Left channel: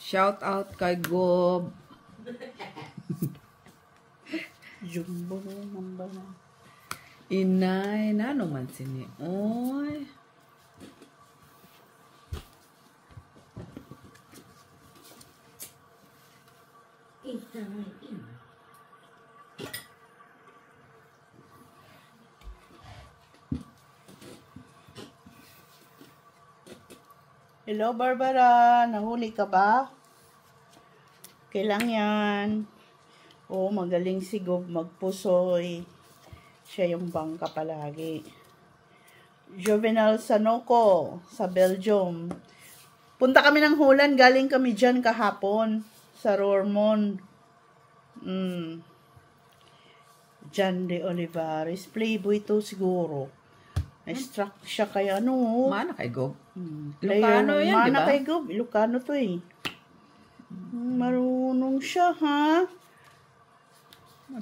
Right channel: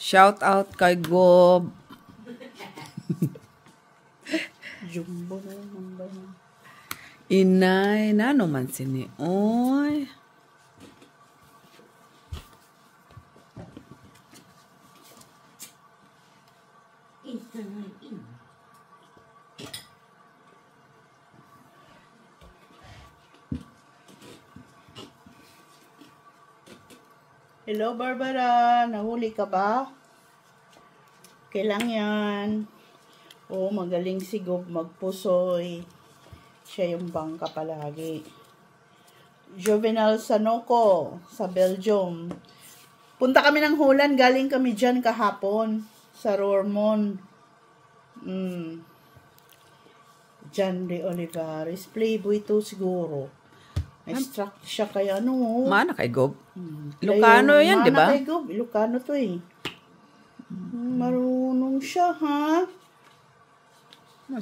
Shout out kay Gob. Jumbo na yung number na. Inay, na naman sini. Oy. Hello, Barbara. Nahuli ka ba? Kailang yan. Oh, magaling si Gob magpusoy. Siya yung bangka palagi. Juvenal Sanoco sa Belgium. Punta kami ng Holland. Galing kami dyan kahapon sa Roermond. John de Olivares. Playboy to siguro. Na-struck siya kay ano. Mana kay Gob. Ilocano yan, di ba? Mana kay Gob. Ilocano to eh. Marunong siya, ha?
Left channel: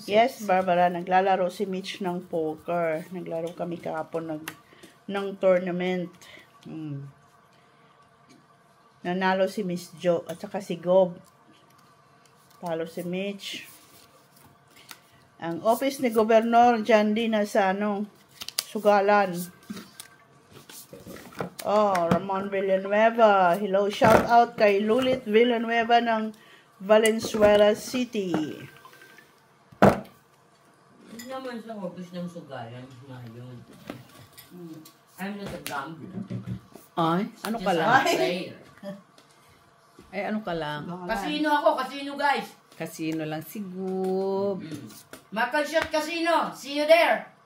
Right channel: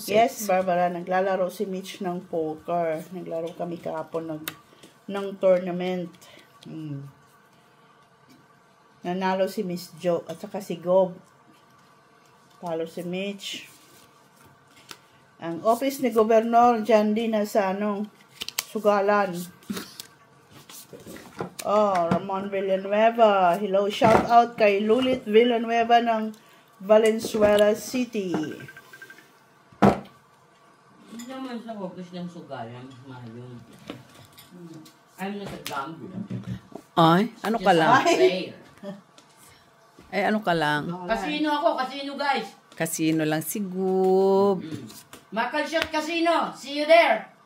Yes, Barbara. Naglalaro si Mitch ng poker. Naglaro kami kahapon ng tournament. Nanalo si Miss Jo at saka si Gob. Talo si Mitch. Ang office ni Gobernador dyan din na sa Sugalan. Oh, Ramon Villanueva. Hello, shout out kay Lulit Villanueva ng Valenzuela City. Hindi naman sa office ng Sugalan, mayon. I'm not a gambler. Ay, ano ka lang? Ay, ano ka lang? Casino ako, casino guys. Casino lang si Gob. Makalshot Casino. See you there.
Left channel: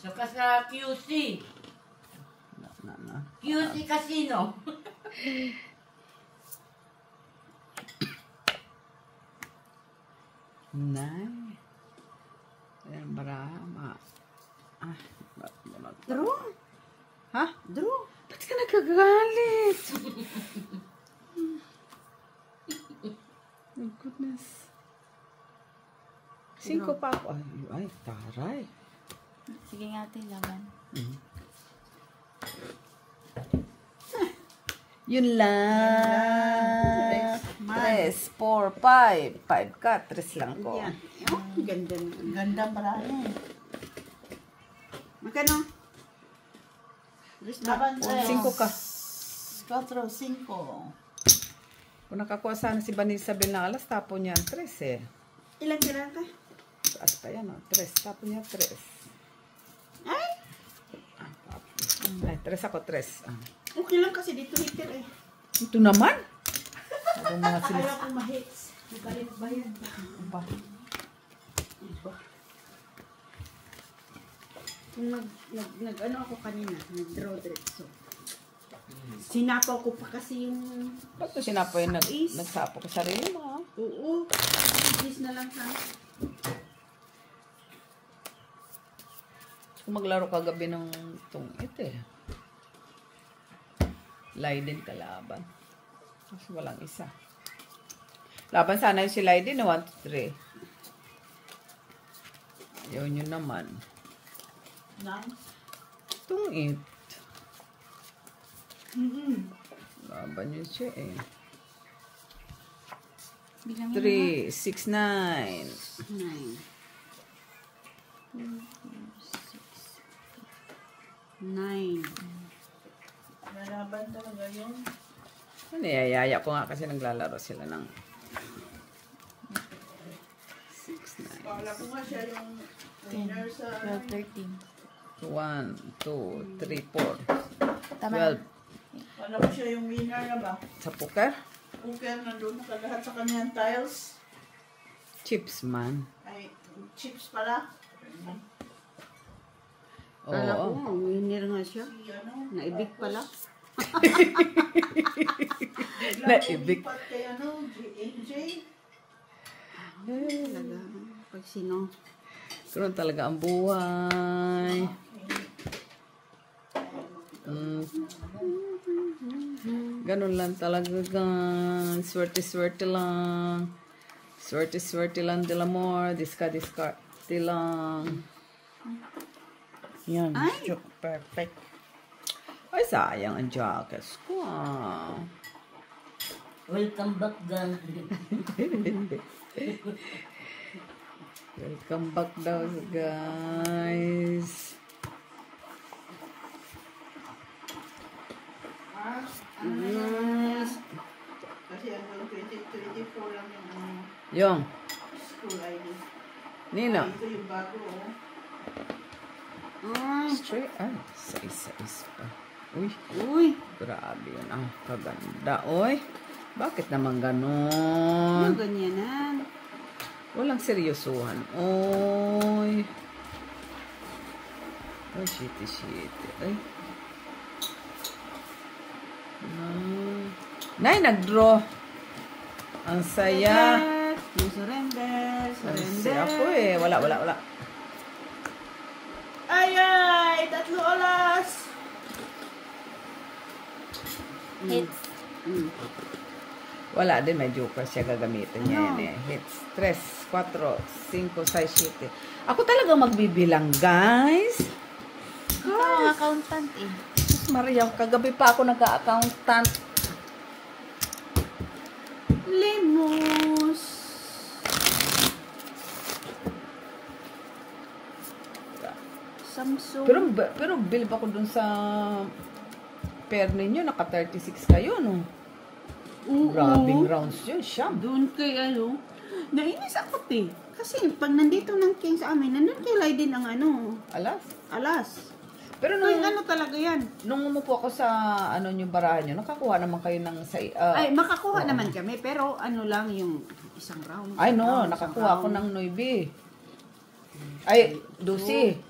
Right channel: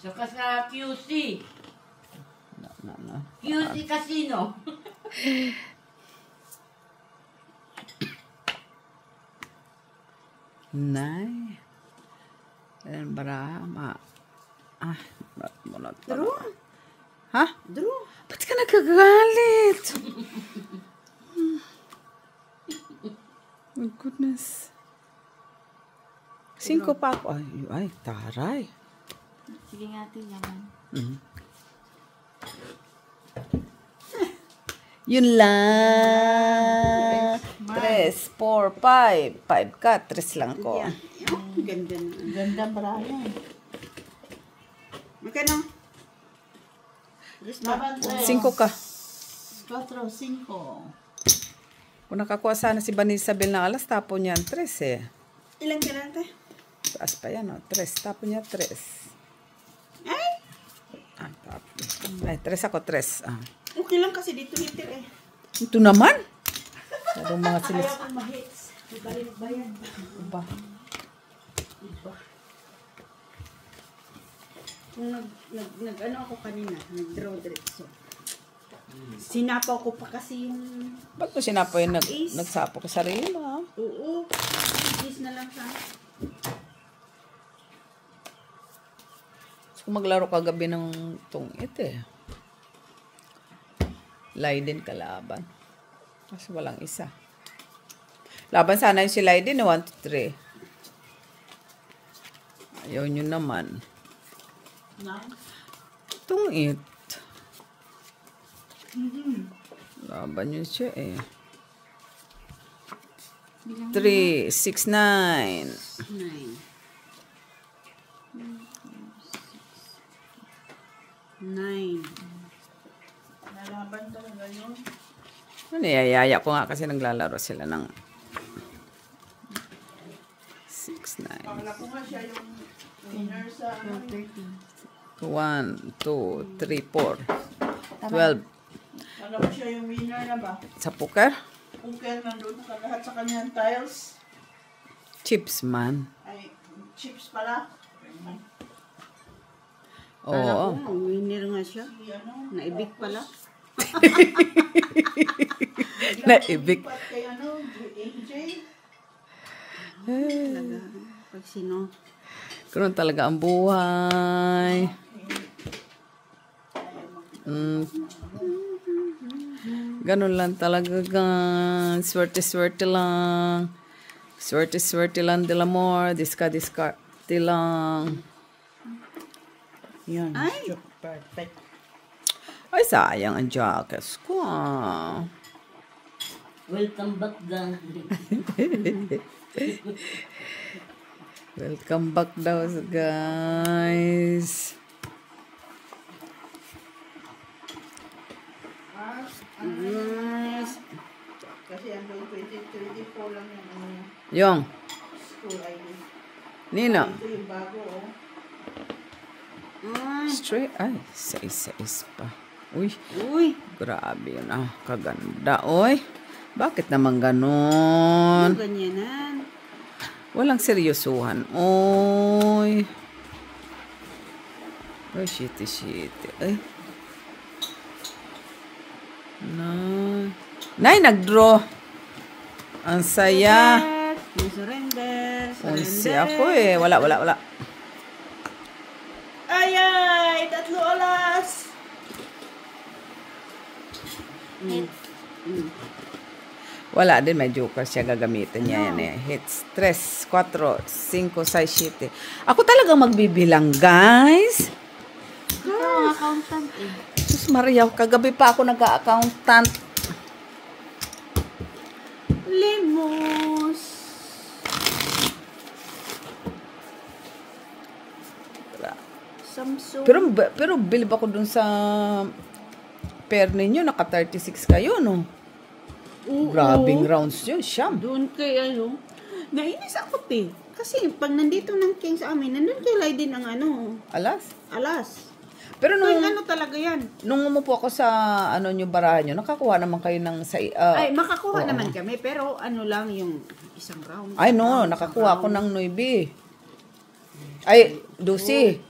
Saka sa QC. QC Casino. Nay. Ayan, Brahma. Drew? Ha? Drew? Ba't ka nagkagalit? Oh, goodness. 5 pa ako. Ay, taray. Sige nga, laban. Yun lang. 3, 4, 5. 5 ka, 3 lang ko. Yeah. Oh, ganda. Ganda Brian. Magkano? 5 ka. 4, 5. Kung nakakuha sana si Banisabel ng alas, tapo niya ang 3 eh. Ilan ka lang ka? Taas pa yan, 3. Tapo niya 3. Ay? Ay, 3 ako, 3. Okay lang kasi dito hitir eh. Ito naman. Sabi mga silis. Kaya kong mahits. Nagkalimot ba yan? Iba. Kung nag-ano ako kanina, nag-draw diretso. Sinapaw ko pa kasi yung... Ba't mo sinapo yung nagsapo ko sarili mo? Oo. Is na lang ha. Kung maglaro kagabi ng tungit eh. Laiden kalaban. Kasi walang isa. Laban sana yung si Laiden 1, 2, 3. Ayaw nyo naman. Tungit. Laban yun siya eh. 3, 6, 9. 9. Nalaban talaga yun. Niyayaya ko nga kasi naglalaro sila ng 6, 9. Pakala ko nga siya yung winner sa 13. 1, 2, 3, 4. 12. Pakala ko siya yung winner na ba? Sa poker? Poker nandun sa lahat sa kanyang tiles. Chips man. Ay, chips pala. Oo. Winner nga siya. Naibig pala. Naibig. Kay AJ. Talaga. Pag sino. Karoon talaga ang buhay. Ganun lang talaga, guys. Swerte-swerte lang. Swerte-swerte lang del amor. Diskarte lang. Yan. Perfect. Ay, sayang ang jackets ko. Welcome back, gang. Welcome back daw, guys. Yes. Kasi hanggang 2024 lang yung Yung. school ID. Nino. Ito yung bago, oh. Straight. Ay, sais pa. Uy. Uy. Grabe yun. Ah, kaganda. Uy. Bakit naman ganun? Ganyanan. Walang seryosuhan. Uy. Uy, shitty. Ay. Nay, nag-draw. Ang saya. Surrender. Kasi ako eh. Wala. Ay! 3 oras! Wala din, may joker siya gagamitin niya yan eh. Hits 3, 4, 5, 6, 7. Ako talaga magbibilang, guys. Ang accountant eh. Sus Maria, kagabi pa ako nag-accountant. Limos. Samsung. Pero bilib ako dun sa pair ninyo, naka 36 kayo, no? Oo. Grabing rounds yun, siyam. Doon kay nainis ako kasi pag nandito ng king sa amin, nandun kay Laiden ang alas. Pero Yung talaga yan. nung umupo ako sa nyo barahan nyo, nakakuha naman kayo ng Ay, makakuha naman kami, pero lang yung isang round. ay no, nakakuha ako ng 9. Ay, 12.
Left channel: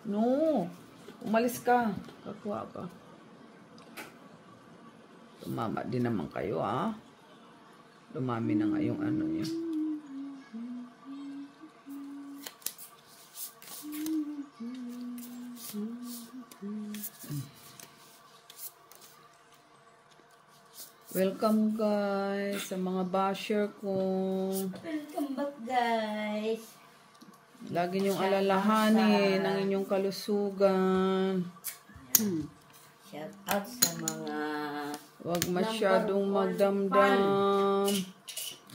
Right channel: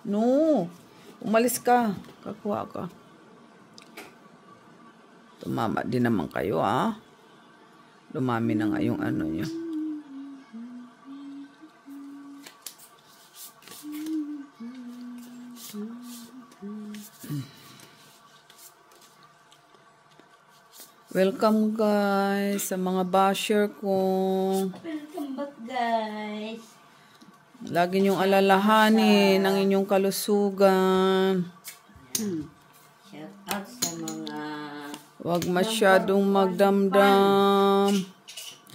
No, umalis ka. Kakuha ka. Tumama din naman kayo, ah. Lumami na nga yung nyo. Welcome, guys, sa mga basher ko. Welcome back, guys. Lagi niyong alalahanin ang inyong kalusugan. Shout out sa mga Huwag masyadong magdamdam.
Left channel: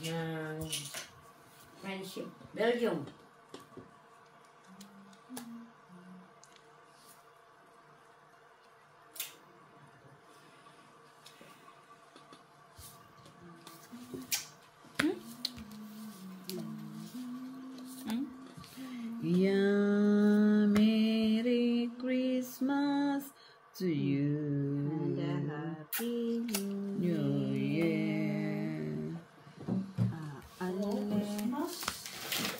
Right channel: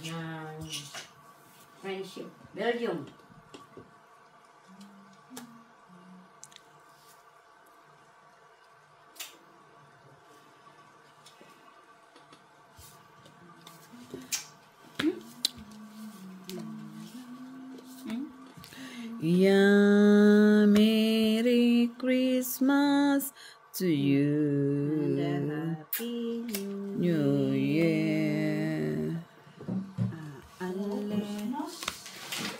ng Friendship Belgium. Yeah, Merry Christmas to you. Happy New Year.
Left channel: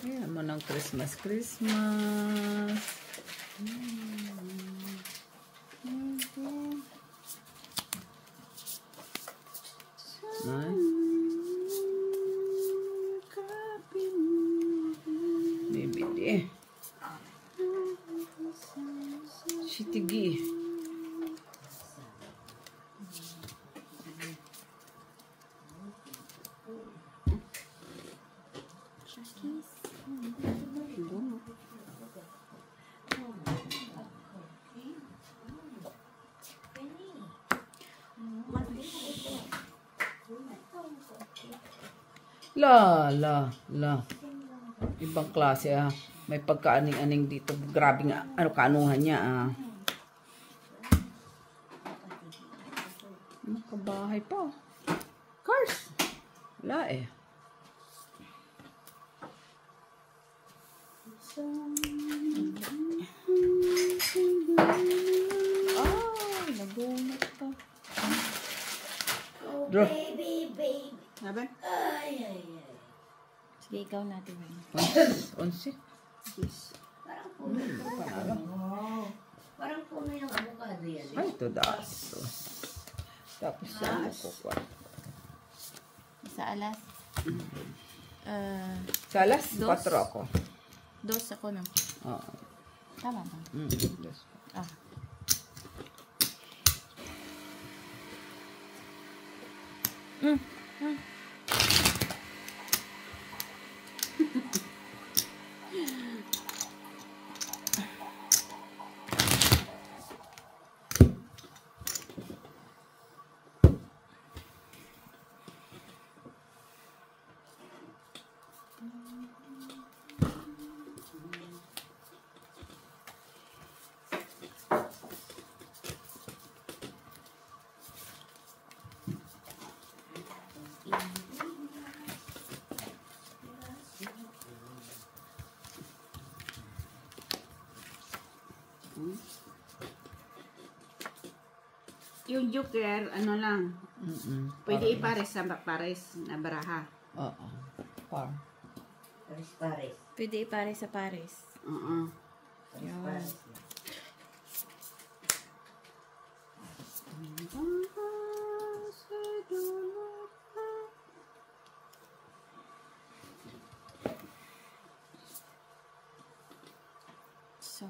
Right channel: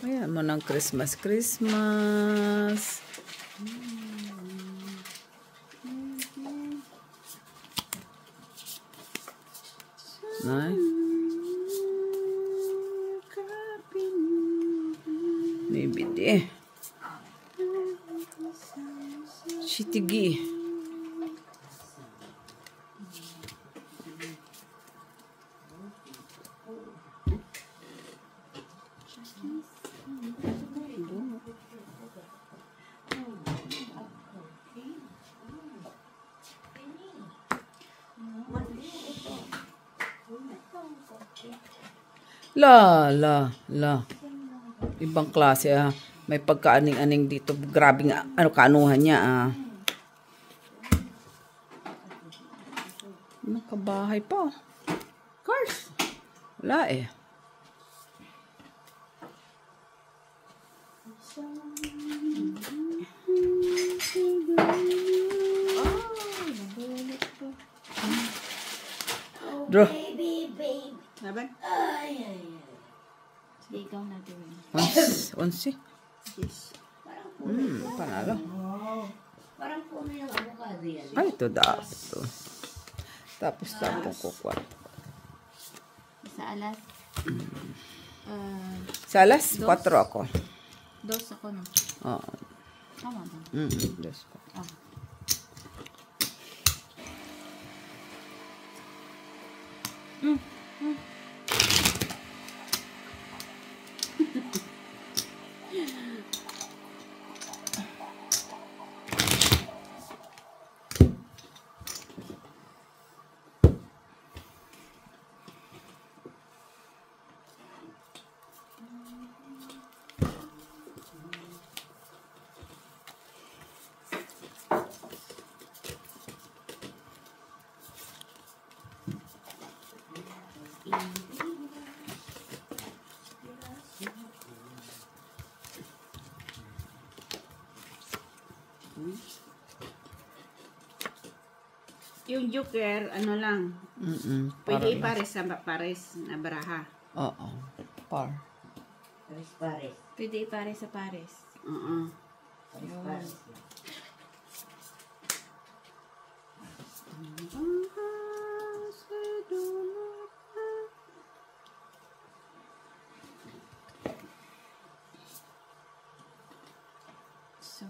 Ayan mo ng Christmas. Nice. Maybe di. Shitigi. La. Ibang klase, ah. May pagkaaning-aning dito. Grabe nga, kaanuhan niya, ah. Makabahay pa. Cars. Wala eh. Draw. Laban? Sige, ikaw natin, Wayne. 11. Yes. Parang puno. Panalo. Parang puno yung avocado yan. Ay, ito dato. Tapos lang ako kukuha. Sa alas. Sa alas, 4 ako. 2 ako, no? Oo. Tama ba? Dos. Ah. Yung joker, ano lang, pwede ipares sa pares na baraha. Oo. Par. Pares. Pwede ipares sa pares. Oo. Pares. So,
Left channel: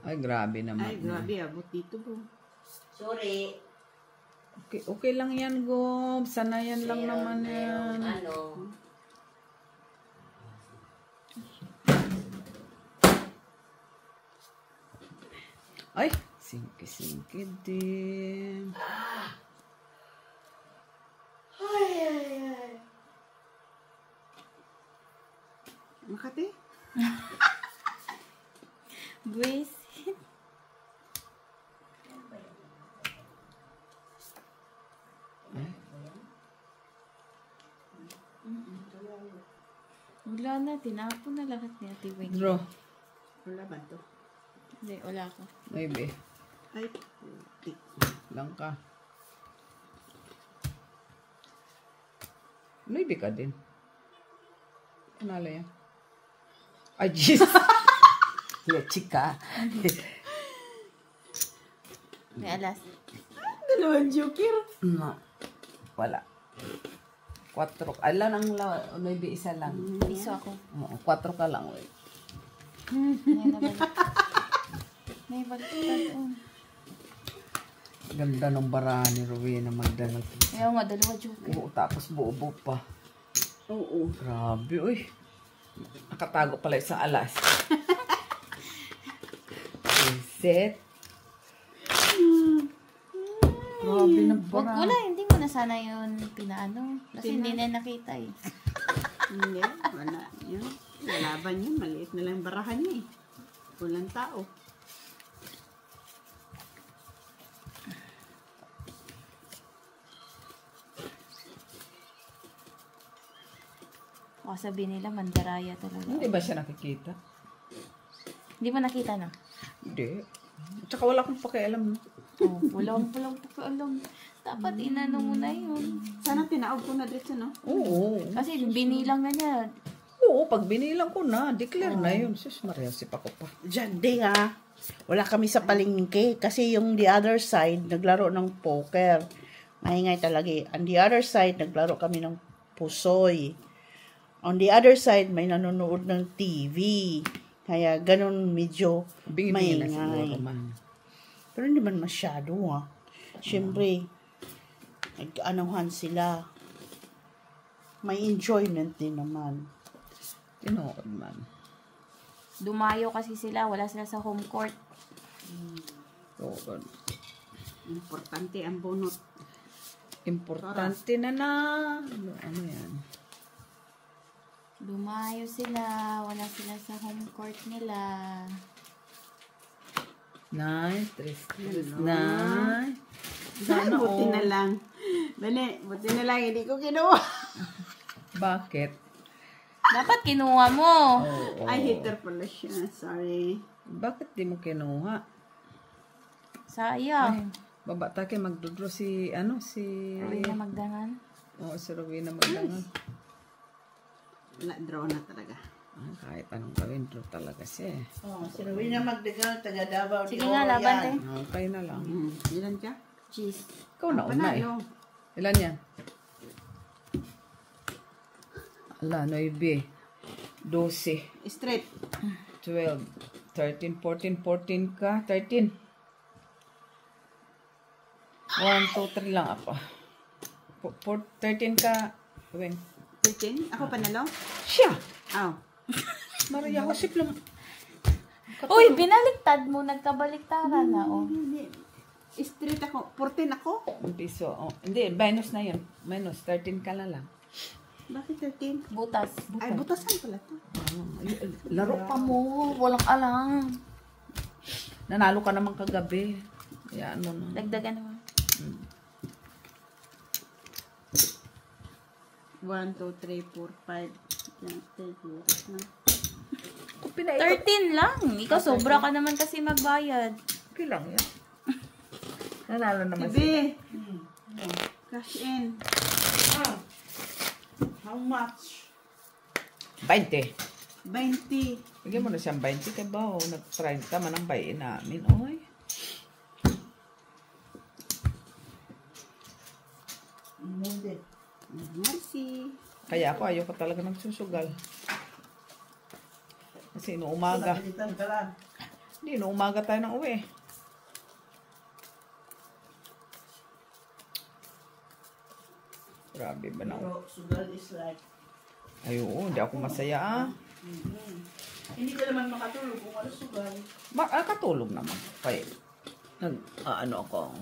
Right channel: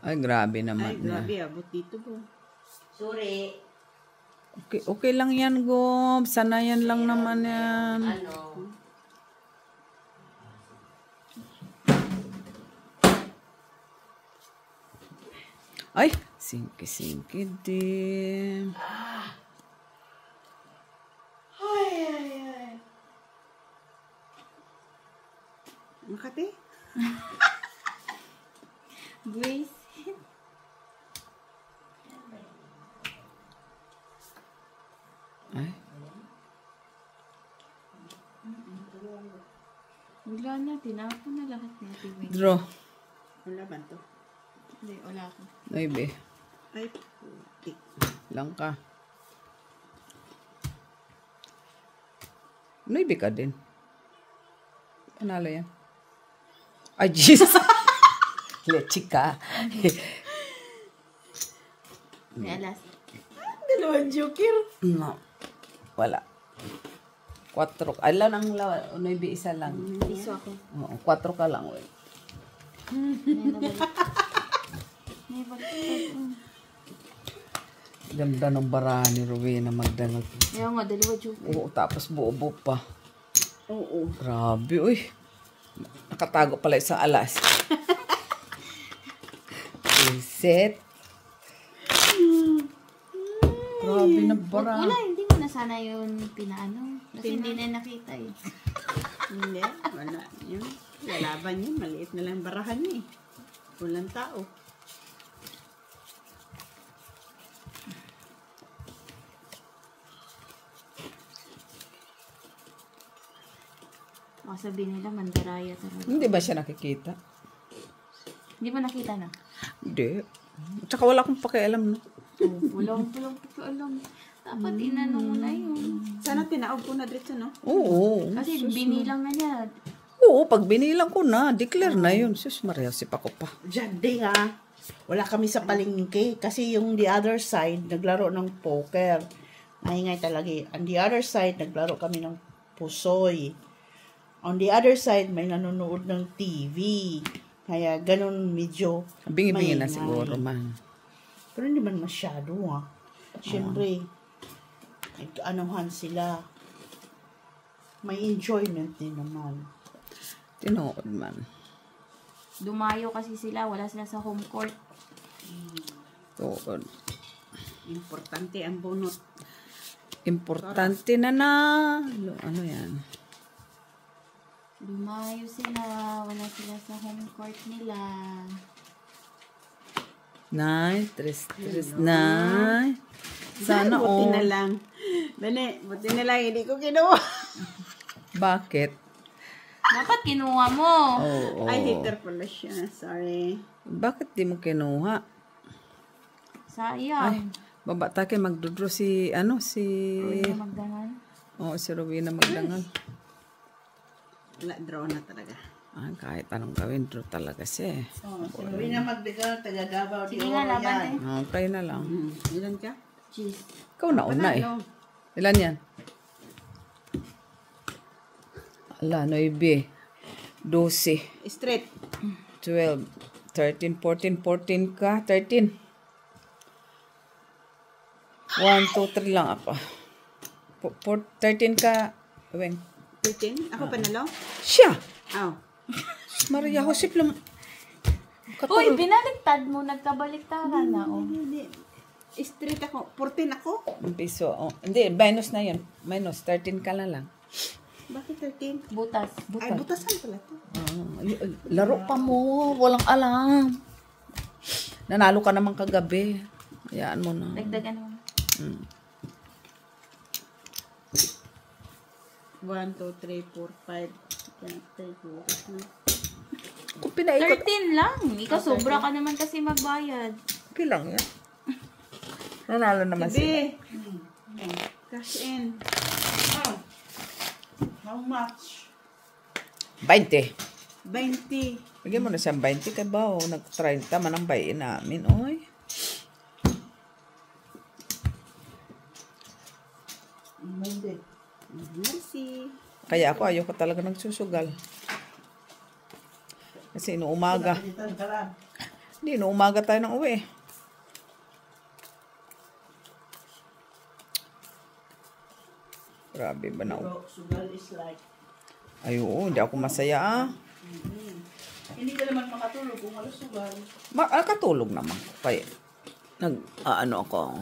Ay, grabe naman. Ay, grabe, abot dito po. Sorry. Okay, okay lang yan, Gob. Sanayan lang naman yan. Ano? Ay, singki-singki din. Makati? Grace. Ay, Wala na, tinapon na lahat ni Ate Wing. draw. Wala ba to? Hindi, wala ko. Maybe. Ay, putik. Lang ka. Maybe ka din. Panalo yan. Ay, Jesus. Lechi ka. May alas. Dalawang joker. Na. Wala. 4. Alam ang maybe isa lang. Piso ako. Oo, 4 ka lang. Uy. May balik. Ganda ng barahan ni Rowena Magdalag. Ayaw nga, dalawa joker. Oo, tapos buo-buo pa. Oo. Grabe, uy. Nakatago pala isang alas. Reset. Grabe na bara. Wala, hindi mo na sana yun pinaano. Kasi hindi na nakita eh. Hindi, wala. Yun. Lalaban yun. Maliit nila ang barahan niya eh. Walang tao. O sabihin nila, mandaraya talaga. Hindi ba siya nakikita? Hindi mo nakita na? Hindi. Tsaka wala akong pakialam. Oh, wala akong alam. Dapat inano mo na yun. Sana tinaog ko na dito, no? Oo. Kasi binilang nga niya. Oo, pag binilang ko na, declare na yun. Sus, Maria, sip ako pa. Diyan din nga. Wala kami sa palengke. Kasi yung the other side, naglaro ng poker. Maingay talaga eh. On the other side, naglaro kami ng pusoy. On the other side, may nanonood ng TV. Kaya ganun medyo Bingi-bingi na maingay. siguro, man. Pero hindi man masyado ah. Siyempre, nag-anuhan sila. May enjoyment din naman. Tinood, man. Dumayo kasi sila. Wala sila sa home court. Tuod. Importante ang bunot. Importante na. Ano yan? Dumayo sila. Wala sila sa home court nila. 9, 3, 9. Sana buti all. na lang. Bene, buti na lang. Hindi ko kinuha. Bakit? Dapat kinuha mo. Oo. Ay, hater pala siya. Sorry. Bakit di mo kinuha? Sayang. Baba ta kay magdudro si, ano, si... Rowena Magdangan. Oo, si Rowena Magdangan. Wala, draw na talaga. Ah, kahit anong gawin, draw talaga siya eh. Oh, si Rowena Magdangan, taga Davao. Sige nga, laban tayo. Okay na lang. Ilan ka? Cheese. Ikaw na una eh. Ilan yan? Ala, 9, 12, Straight. 12, 13, 14, 14 ka, 13. 1, 2, 3 lang ako. 13 ka, Weng. 13? Ako panalo? Siya! Oh. Maria Josep lang. Uy, binaliktad mo. Nagkabaliktaran na, oh. Hindi. Straight ako. 14 ako? Ang piso. Oh. Hindi, minus na yun. Minus, 13 ka na lang. Bakit 13? Butas. Ay, butasan pala to. Laro pa mo. Walang alam. Nanalo ka naman kagabi. Hayaan mo na. Dagdagan mo. 1, 2, 3, 4, 5. Kung pinaikot, 13 lang. Ikaw, sobra ka naman kasi magbayad. okay lang yan. Nanalo naman siya. Sige. Cash in. How much? 20. 20. Bigyan mo na siyang 20 kay ba? Nag-30 man ang bayin namin. Oy. Hindi. Merci. Kaya ako ayoko talaga nagsusugal. Kasi inuumaga. Palitan ka lang. Hindi, inuumaga tayo ng uwi. Grabe ba na? Pero sugal is like, Ay, oo, hindi ako masaya ah. hindi ka naman makatulog kung wala sugal. Katulog naman. Kaya, ano ako.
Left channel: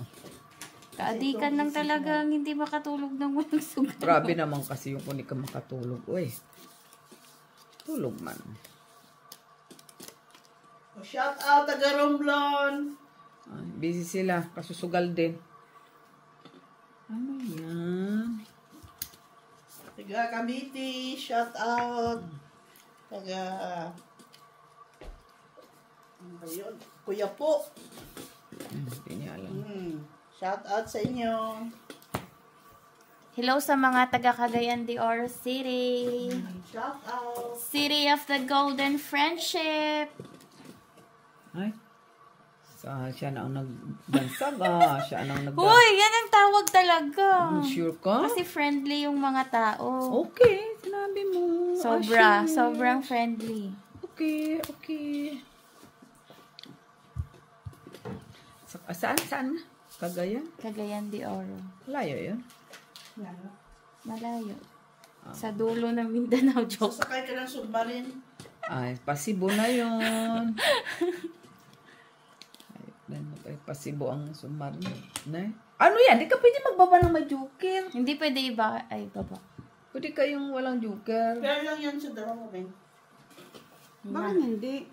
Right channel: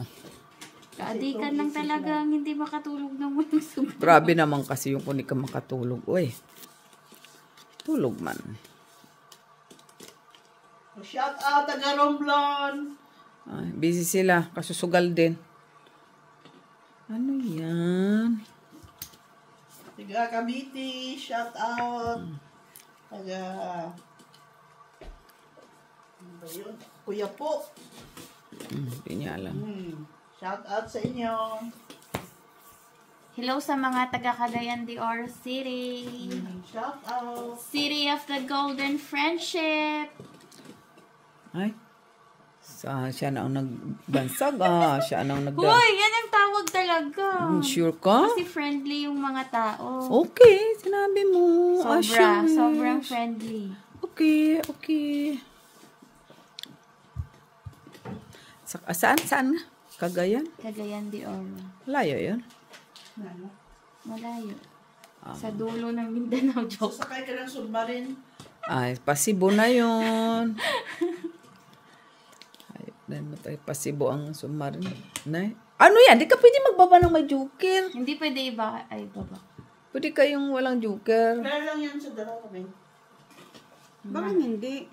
Kaadikan lang talaga ang hindi makatulog ng walang sugat. Grabe naman kasi yung kung di ka makatulog. Uy, tulog man. Oh, shout out, taga Romblon. Ay, busy sila. Kasusugal din. Ano yan? Taga Cavite, shout out. Taga, ano ba yun? Kuya po. Hindi niya alam. Shout out sa inyo. Hello sa mga taga Cagayan de Oro City. Shout out. City of the Golden Friendship. Ay, siya na ang nagbansag. Siya na ang Uy, yan ang tawag talaga. Sure ka? Kasi friendly yung mga tao. Okay, sinabi mo. Sobra, sure. sobrang friendly. Okay, okay. Saan? Cagayan? Cagayan de Oro. Layo yun. Ano? Malayo. Sa dulo ng Mindanao, joke. Sasakay ka ng submarine. Ay, pasibo na yun. Ay, pasibo ang submarine. Ano yan? Di ka pwede magbaba ng may joker. Hindi pwede iba, ay baba. Pwede kayong walang joker. Kaya lang yan sa dalawa kami. Bakit hindi?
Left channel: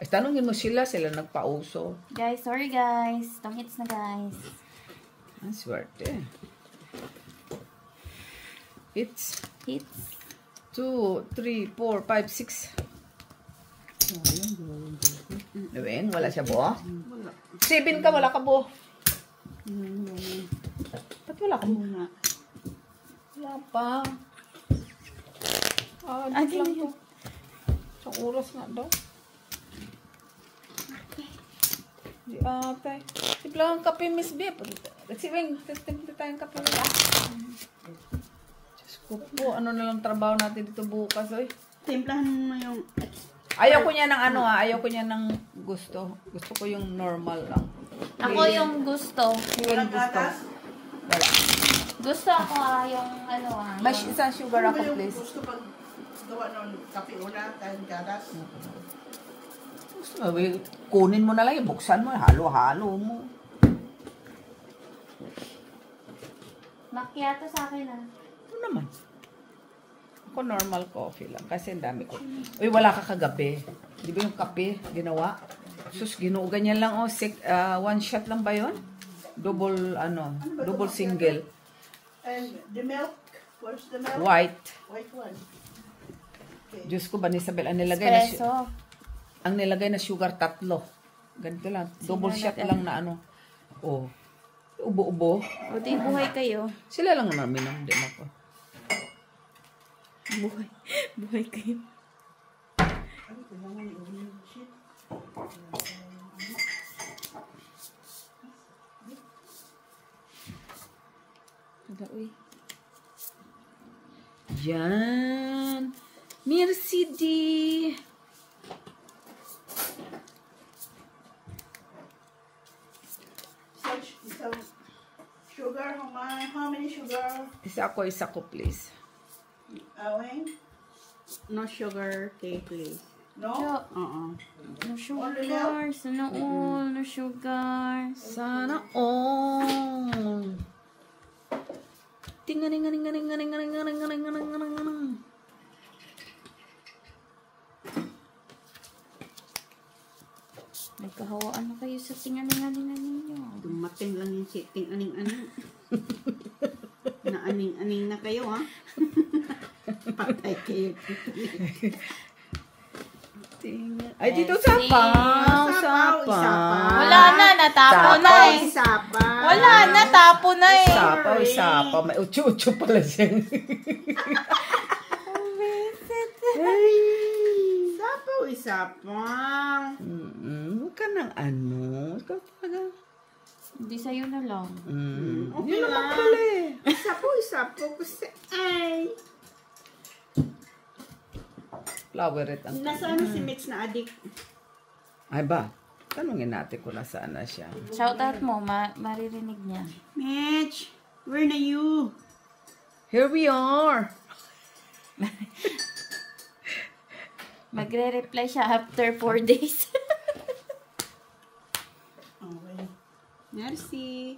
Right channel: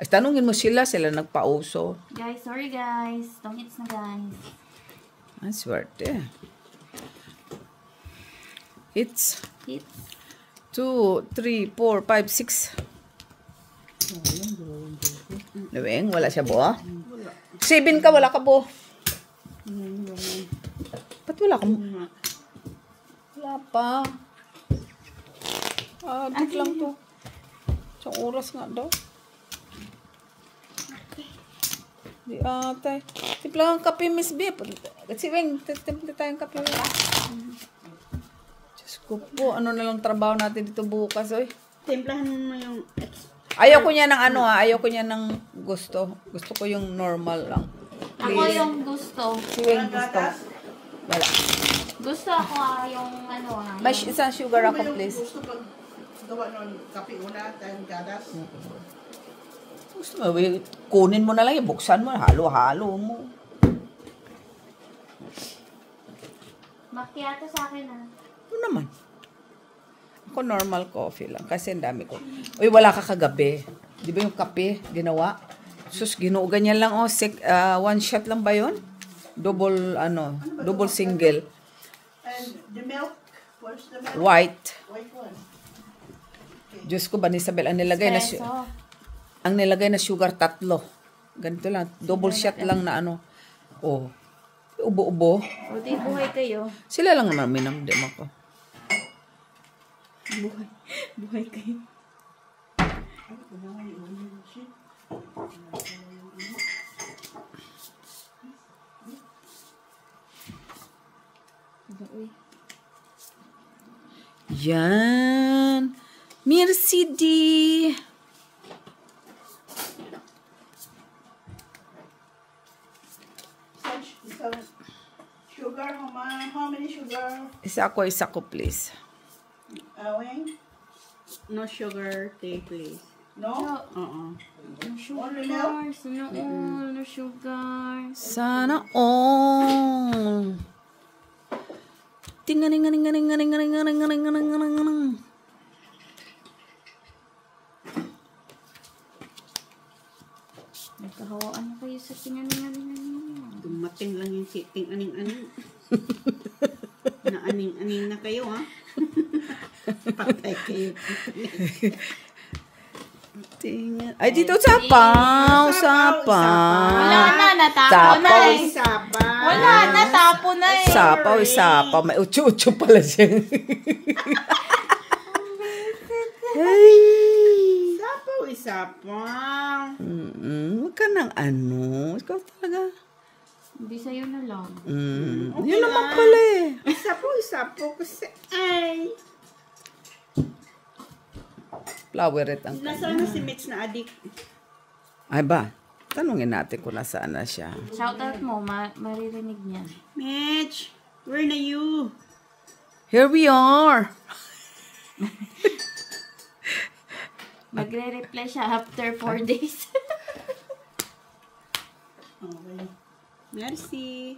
Ay, tanungin mo sila nagpauso. Guys, sorry guys. Don't hits na guys. Ang swerte. It's Hits. 2, 3, 4, 5, 6. Naweng, wala siya buo? 7 ka, wala ka buo. Ba't wala ka buo? Wala pa. Dik lang to. Isang oras nga daw. Di atay. Tipla ang kape, Miss B. Si Weng, tipla tayong kape. Diyos ko po, ano na lang trabaho natin dito bukas, oy. Timplahan mo yung Ayaw ko niya ng ano ayaw ko niya ng gusto. Gusto ko yung normal lang. Ako yung gusto. walang gatas. Wala. Gusto ako yung ano May isang sugar Ano ba ako, yung please. gusto pag gawa ng kape una tayong gatas? Kunin mo na lang, buksan mo, halo-halo mo. Macchiato sa akin ah. Ano naman? Ako normal coffee lang kasi ang dami ko. Uy, wala ka kagabi. Di ba yung kape ginawa? Sus, ganyan lang oh. One shot lang ba yun? Double, double single. And the milk? Where's the milk? White. White one. Okay. Diyos ko, Banisabel, ang nilagay na Espresso. sugar 3. Ganito lang. Double shot lang na ano. Oh. Ubo-ubo. O, di buhay kayo. Sila lang naman minamdam ako. Buhay. Buhay kayo. Uy. Yan. Merci di. So, sugar, how many sugar? Isa ko, please. Wayne? No sugar tea, please. No? No Only sugar. Sana all. No sugar. Sana all. Tinganing. Nagkahawaan na kayo sa tinganinganingan ninyo. Dumating lang yung siting aning-aning. Na-aning-aning na kayo, ha? Patay kayo. Ay, dito sapaw. Wala na, natapo na Sapaw. eh. Sapa. Wala na, tapo na eh. Sapaw. May ucho-ucho pala siya. Sapaw, isapaw. Huwag ka ng ano. Ikaw talaga. Hindi sa'yo na lang. Yun naman pala eh. Isapaw kasi, ay. Floweret ang Nasaan si Mitch na adik? Ay ba? Tanungin natin kung nasaan na siya. Shout out mo, maririnig niya. Mitch, where na you? Here we are. Magre-reply siya after 4 days. Okay. Merci.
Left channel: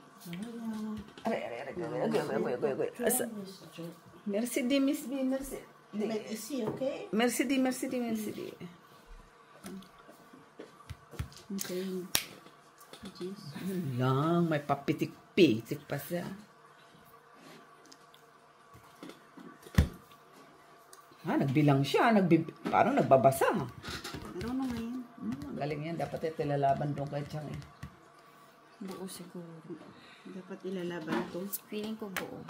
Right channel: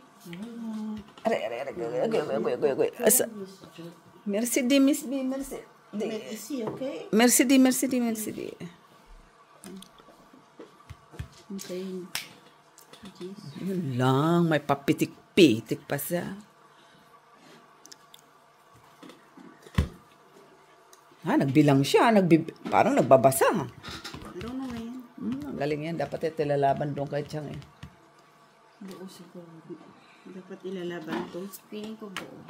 Asa? Merci di, Miss B. Merci. Is he okay? Merci di. Okay. Yun lang. May papitik-pitik pa siya. Nagbilang siya. Parang nagbabasa. Meron na ngayon. Ang galing yan. Dapat ito lalaban doon kay Chang eh. Buo siguro. Dapat ilalaban to. Feeling ko buo.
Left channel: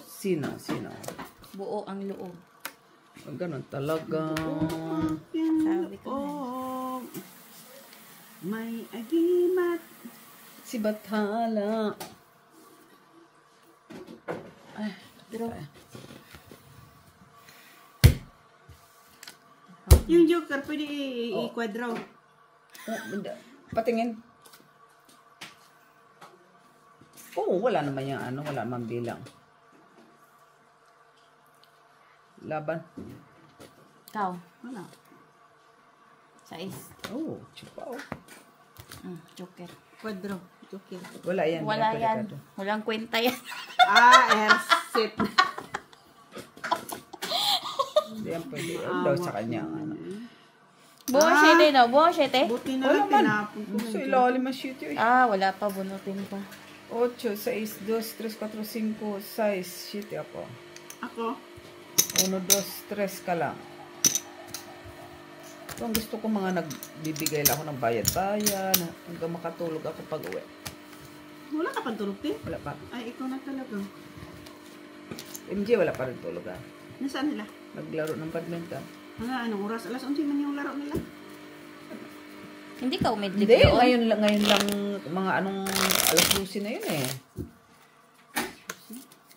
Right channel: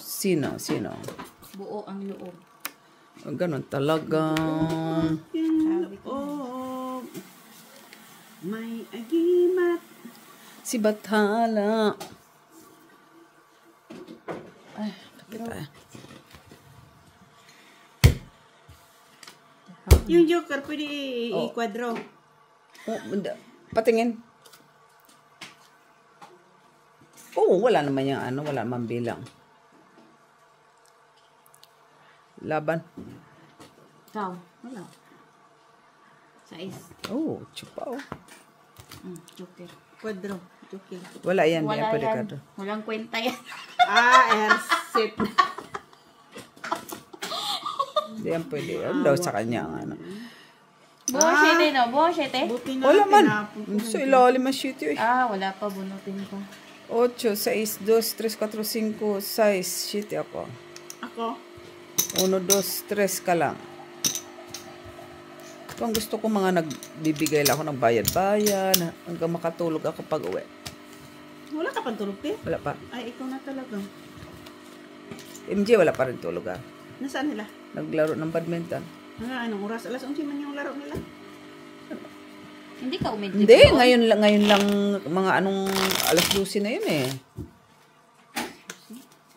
Sino? Buo ang loob. Ganon talaga. Oh, may ahimat. Si Bathala. Ay, Pero, Yung joker, pwede i-quadro. Patingin. Wala naman yung ano. Wala naman bilang. Laban. ikaw. Wala. Sais. Chupaw. Joker. Quadro. Joker. Wala yan. Wala pwede yan. ka doon. Walang kwenta yan. Ersit. Hindi yan pwede. Ano daw sa kanya ang ano. Buo 7 no? Buo 7? Buti na Wala lang man. tinapon ko. Sa ilalim ang sheet yun. Wala pa. Bunutin pa. 8, 6, 2, 3, 4, 5, 6. Sheet ako. Ako? 1, 2, 3 ka lang. Kung gusto ko mga nagbibigay lang ako ng bayad-bayan hanggang makatulog ako pag uwi. Wala ka pang tulog, te? Wala pa. Ay, ikaw na talaga. MJ, wala pa rin tulog Nasaan nila? Naglaro ng badminton. Mga anong oras? Alas 11 man yung laro nila. Hindi ka umidlip Hindi, doon? ngayon lang mga anong alas 12 na yun eh.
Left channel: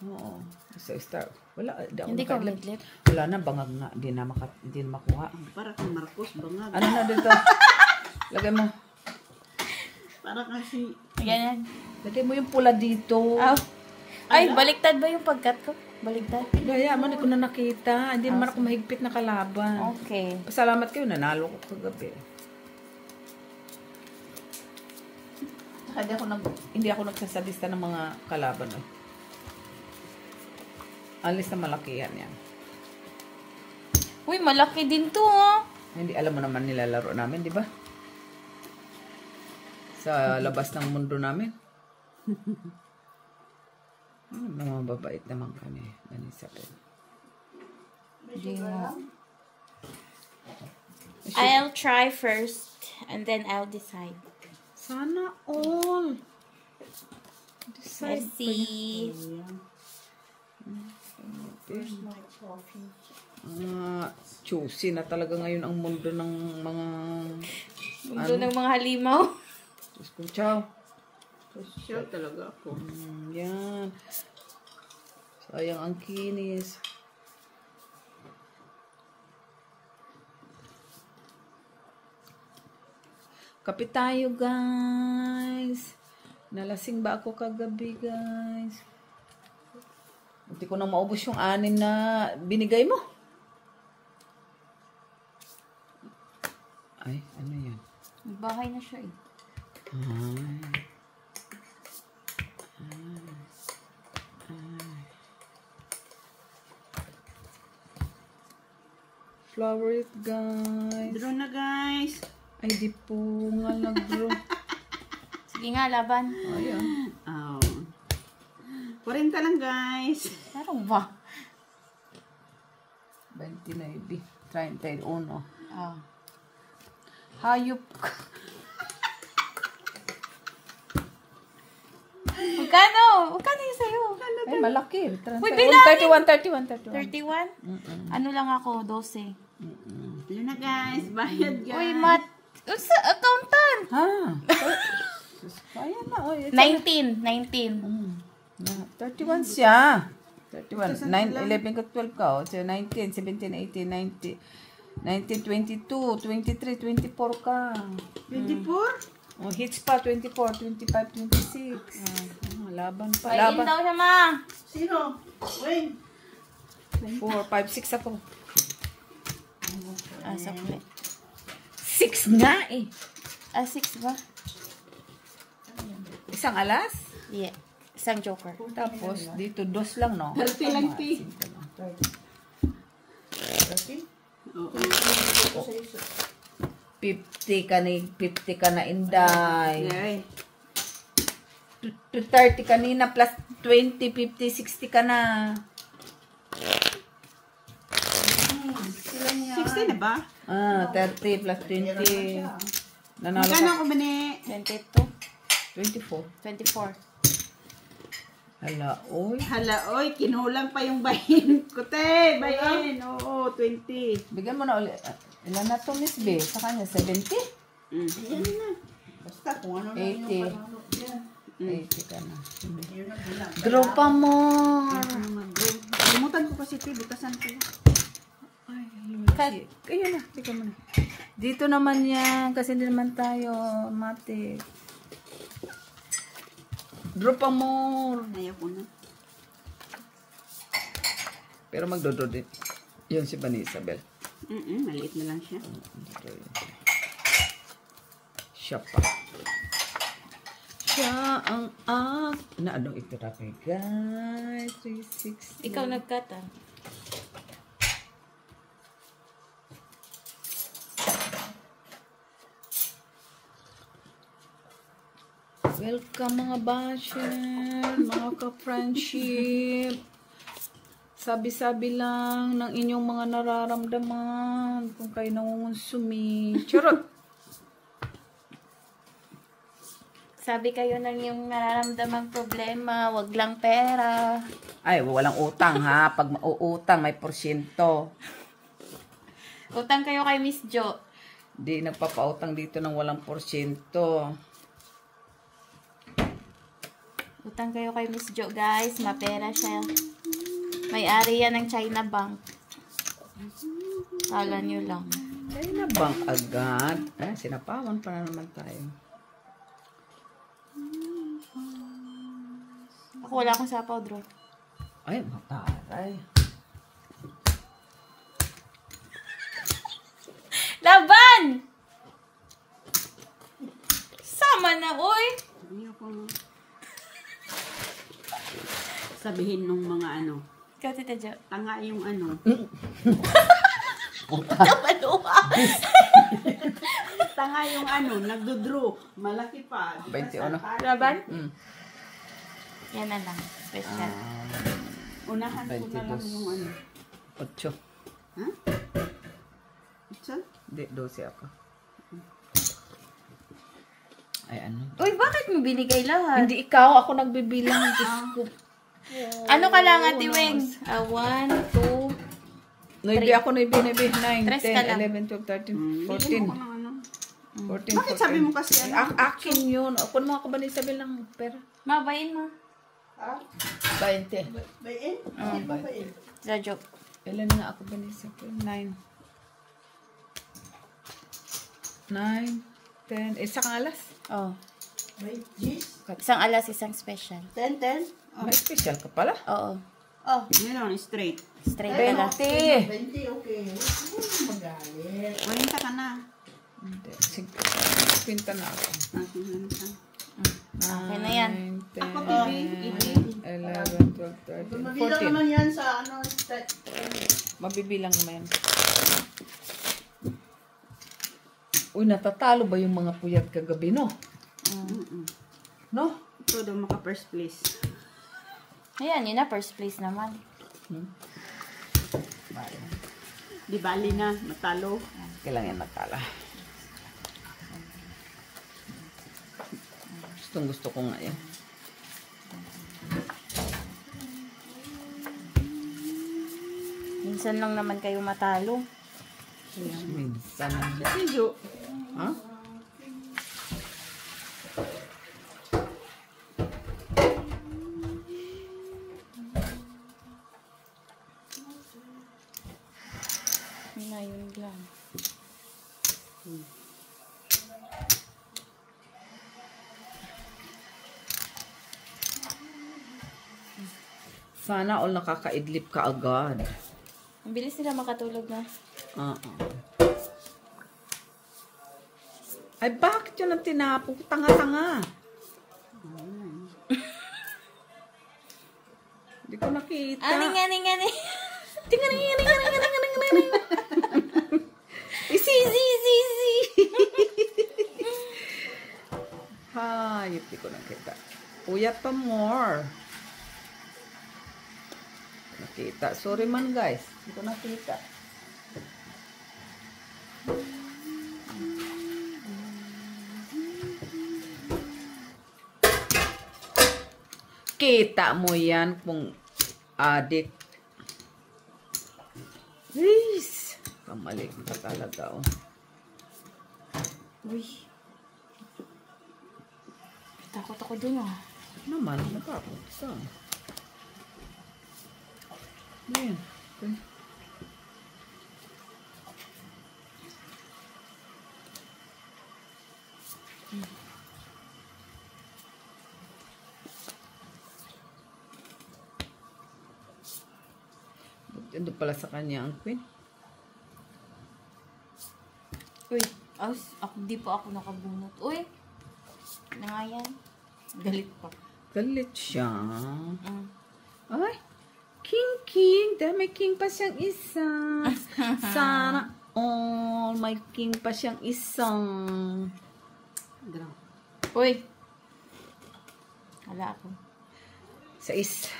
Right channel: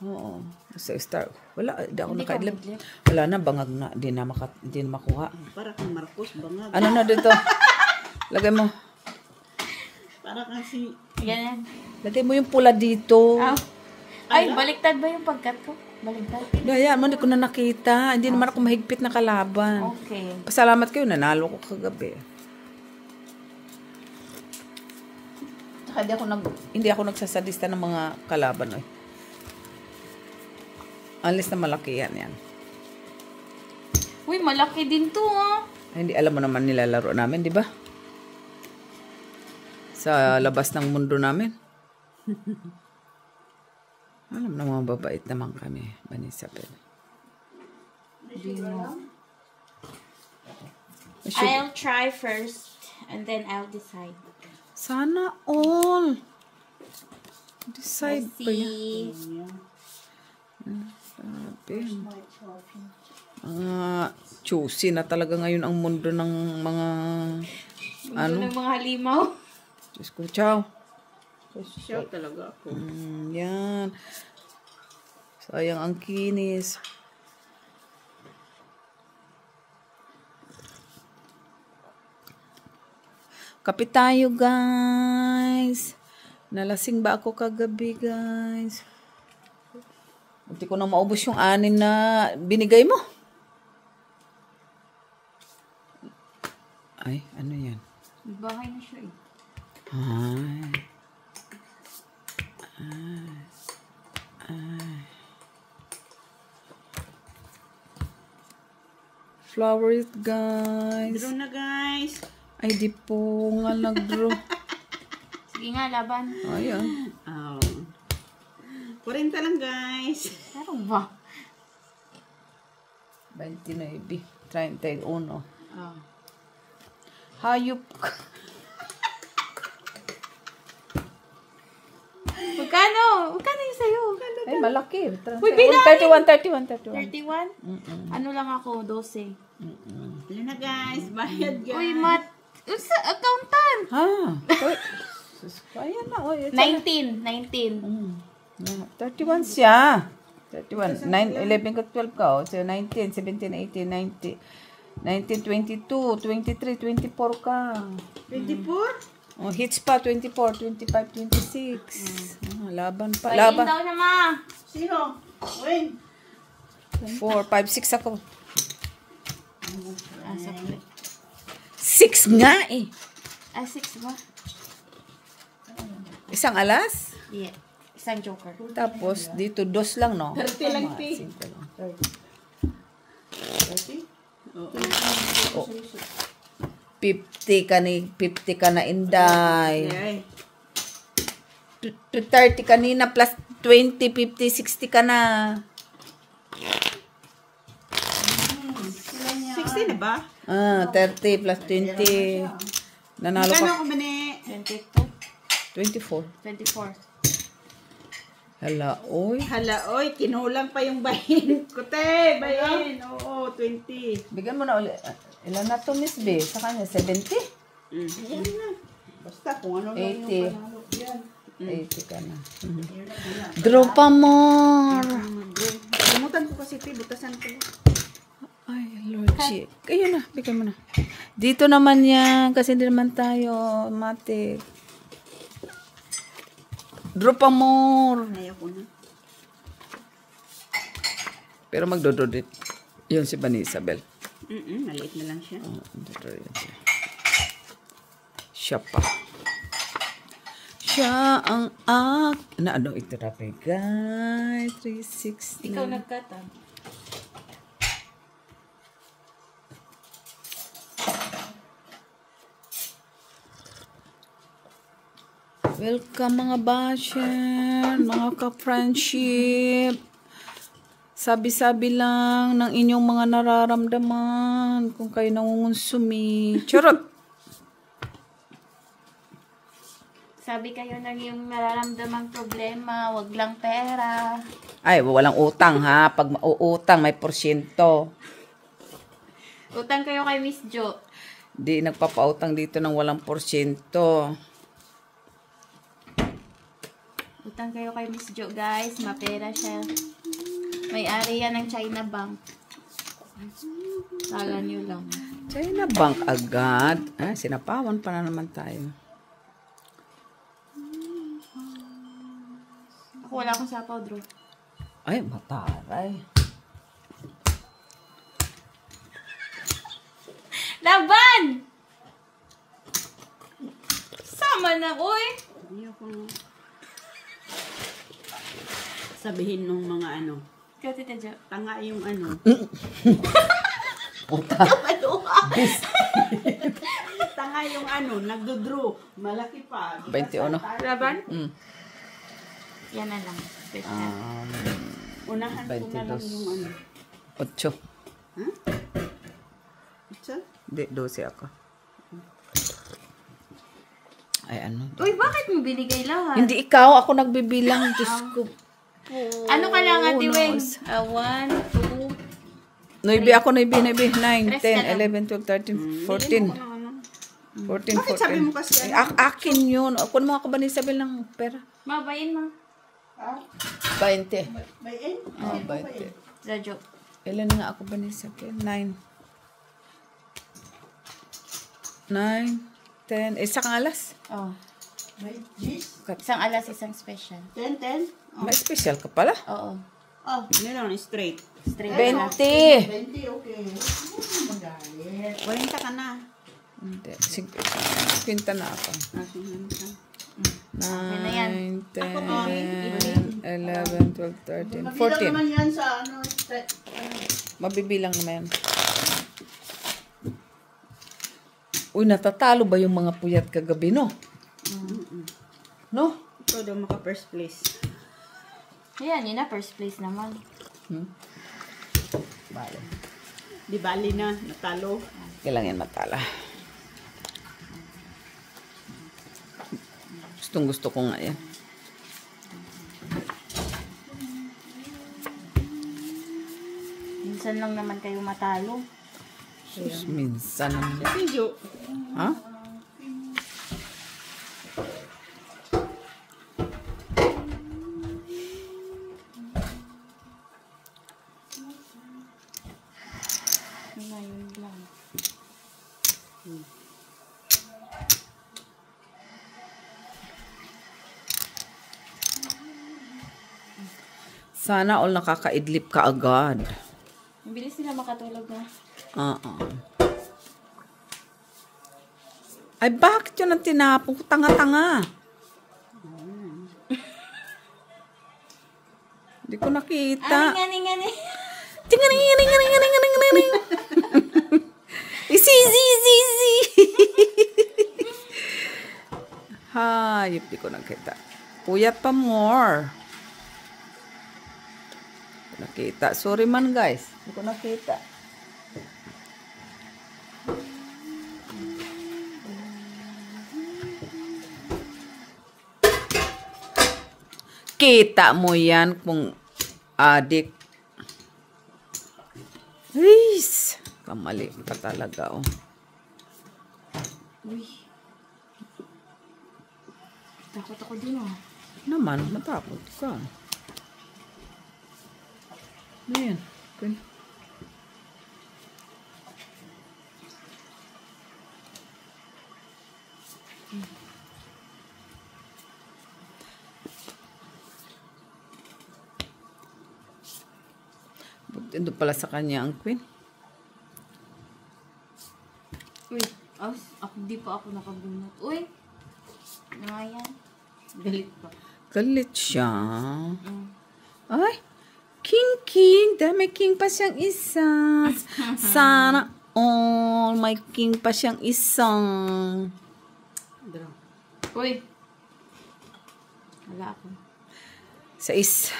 Oo. Sa star. Wala, Hindi ka nakaidlip. umidlip? Wala na, bangag na. Hindi na makuha. Para kang Marcos, bangag. Ano na dito? Lagay mo. Para kang si... Ganyan. Lagay mo yung pula dito. Ay, baliktad ba yung pagkat ko? Baliktad. Ayan mo, hindi ko na nakita. Hindi naman ako mahigpit na kalaban. Okay. Pasalamat kayo, nanalo ko kagabi. Saka hindi ako nagsasadista ng mga kalaban. Unless na malaki yan. Uy, malaki din to ha. Hindi alam mo naman nilalaro namin, di ba? Sa labas ng mundo namin. Alam na mga babait naman kami, Manisapel. I'll try first and then I'll decide. Sana all. Decide Let's pa yan. see. Choosy na talaga ngayon ang mundo ng mga Ito ng mga halimaw. Diyos ko, chow. Siya talaga ako. Yan. Sayang ang kinis. Kape tayo, guys. Nalasing ba ako kagabi, guys? Hindi ko na maubos yung 6 na binigay mo. Ay, ano yan? Bahay na siya eh. Ay. Flower it, guys. Draw na guys. Ay, di po nga nag-draw. Sige nga, laban. Ayan. Oh. 40 lang guys. Meron ba? 29, 31. Ah. Hayop ka. Magkano? Magkano yung sa'yo? Ay, malaki. Uy, bilang! 31. 31? Ano lang ako? 12. Yan na guys. Bayad guys. Uy, mat. Sa accountant. Ha? Ayan na. Oh, 19. 31 siya. 31. 9, 11 ka 12 ka. Oh. So, 19, 17, 18, 19, 19, 22, 23, 24 ka. 24? Oh, hits pa. 24, 25, 26. Laban pa. Bayin Laban. daw siya, ma. Sino? Win. 4, 5, 6 ako. Ah, sakli. 6 nga eh. Ah, 6 ba? Isang alas? Yeah. Isang joker. Tapos, dito, 2 lang, no? 30 lang, P. 30. 30? Oo. 50 ka na, Inday. Ay. 30 kanina plus 20, 50, 60 ka na. 60 na ba? 30 plus 20. Nanalo Magkano ka. ako ba ni? 22. 24. 24. Hala, oy. Hala, oy, kinulang pa yung bayin. Kute, bayin. Oo, 20. Bigyan mo na ulit. Ilan na to, Miss B? Sa kanya, 70? Yan na. Basta kung ano lang 80. yung panalo. Yan. 80 ka na. Draw pa more. Kalimutan ko kasi ito, butasan ko. Ay, Lord G. Kayo na, bigyan mo na. Dito naman yan, kasi hindi naman tayo, mate. Draw pa more. Ayaw ko na. Pero magdododit. Yun si Bani Isabel. Maliit na lang siya. Siya pa. Siya ang ano ito rapi, guys? 360. Ikaw nagkata. Welcome mga basher, mga ka-friendship. Sabi-sabi lang ng inyong mga nararamdaman kung kayo nangungonsumi. Charot! Sabi kayo ng yung nararamdamang problema, wag lang pera. Ay, walang utang ha. Pag mauutang, may porsyento. Utang kayo kay Miss Jo. Di nagpapautang dito ng walang porsyento. Utang kayo kay Miss Jo, guys. Mapera siya. May-ari yan ng China Bank. Kala nyo lang. China Bank agad. Sinapawan pa na naman tayo. Ako wala akong sapaw, bro. Ay, mataray. Laban! Sama na, uy! Ayaw ko na. Sabihin nung mga ano, Ikaw, Tita Jo. tanga yung ano. Tanga yung ano, nagdodraw. Malaki pa. 21. Laban? Mm. Yan na lang. Best hand. Unahan ko na lang 22. yung ano. 8. Ha? Ito? Hindi, 12 ako. Ay, ano. Uy, bakit mo binigay lahat? Hindi ikaw, ako nagbibilang. Diyos ko. Ano ka lang, Ate Weng? 1, 2, 9 ako, 9, 9, 10, Tres ka lang. 11, 12, 13, 14. 14, Bakit sabi mo kasi Ay, akin yun. Ako mga ka ba ni Isabel ng pera? mabayin mo. 20. Bayin? Oh, 20. Radyo. Ilan nga ako ba ni Isabel? 9. 9, 10. Isang alas. Oh. May G's? Isang alas, isang special. 10, 10? May special ka pala. Oo. Oh, meron, straight. Straight 20. na. 20, okay. Magalit. 40 ka na. Hindi. Sige. Pinta na ako. Okay na yan. 9, 10, Ako ba? 11, 12, 13, Mabilang 14. naman yan sa ano. Mabibilang naman. Uy, natatalo ba yung mga puyat kagabi, no? No? Ito daw maka first place. Ayan, yun na, first place naman. Di bali na, natalo. Kailangan natala. Gustong gusto ko nga yan. Minsan lang naman kayo matalo. Sus, minsan. Video. Ha? Ngayon lang. Sana all nakakaidlip ka agad. Mabilis sila makatulog na. Ay, bakit yun ang tinapong? Tanga-tanga. Hindi ko nakita. Ani. Tingaring. Easy. Hayop, di ko nakita. Puyat pa more. Nakita. Sorry man, guys. Hindi ko nakita. Kita mo yan kung adik. Please. Kamali ka talaga, oh. Uy. Takot ako dun, ah. Naman, natakot ka. Ano yan? Ito pala sa kanya ang queen. Uy. Di pa ako nakabunot. Uy. Ano nga yan? Galit pa. Galit siya. Ay, king. Dami king pa siyang isa. Sana all may king pa siyang isang. Uy. Wala ako. 6.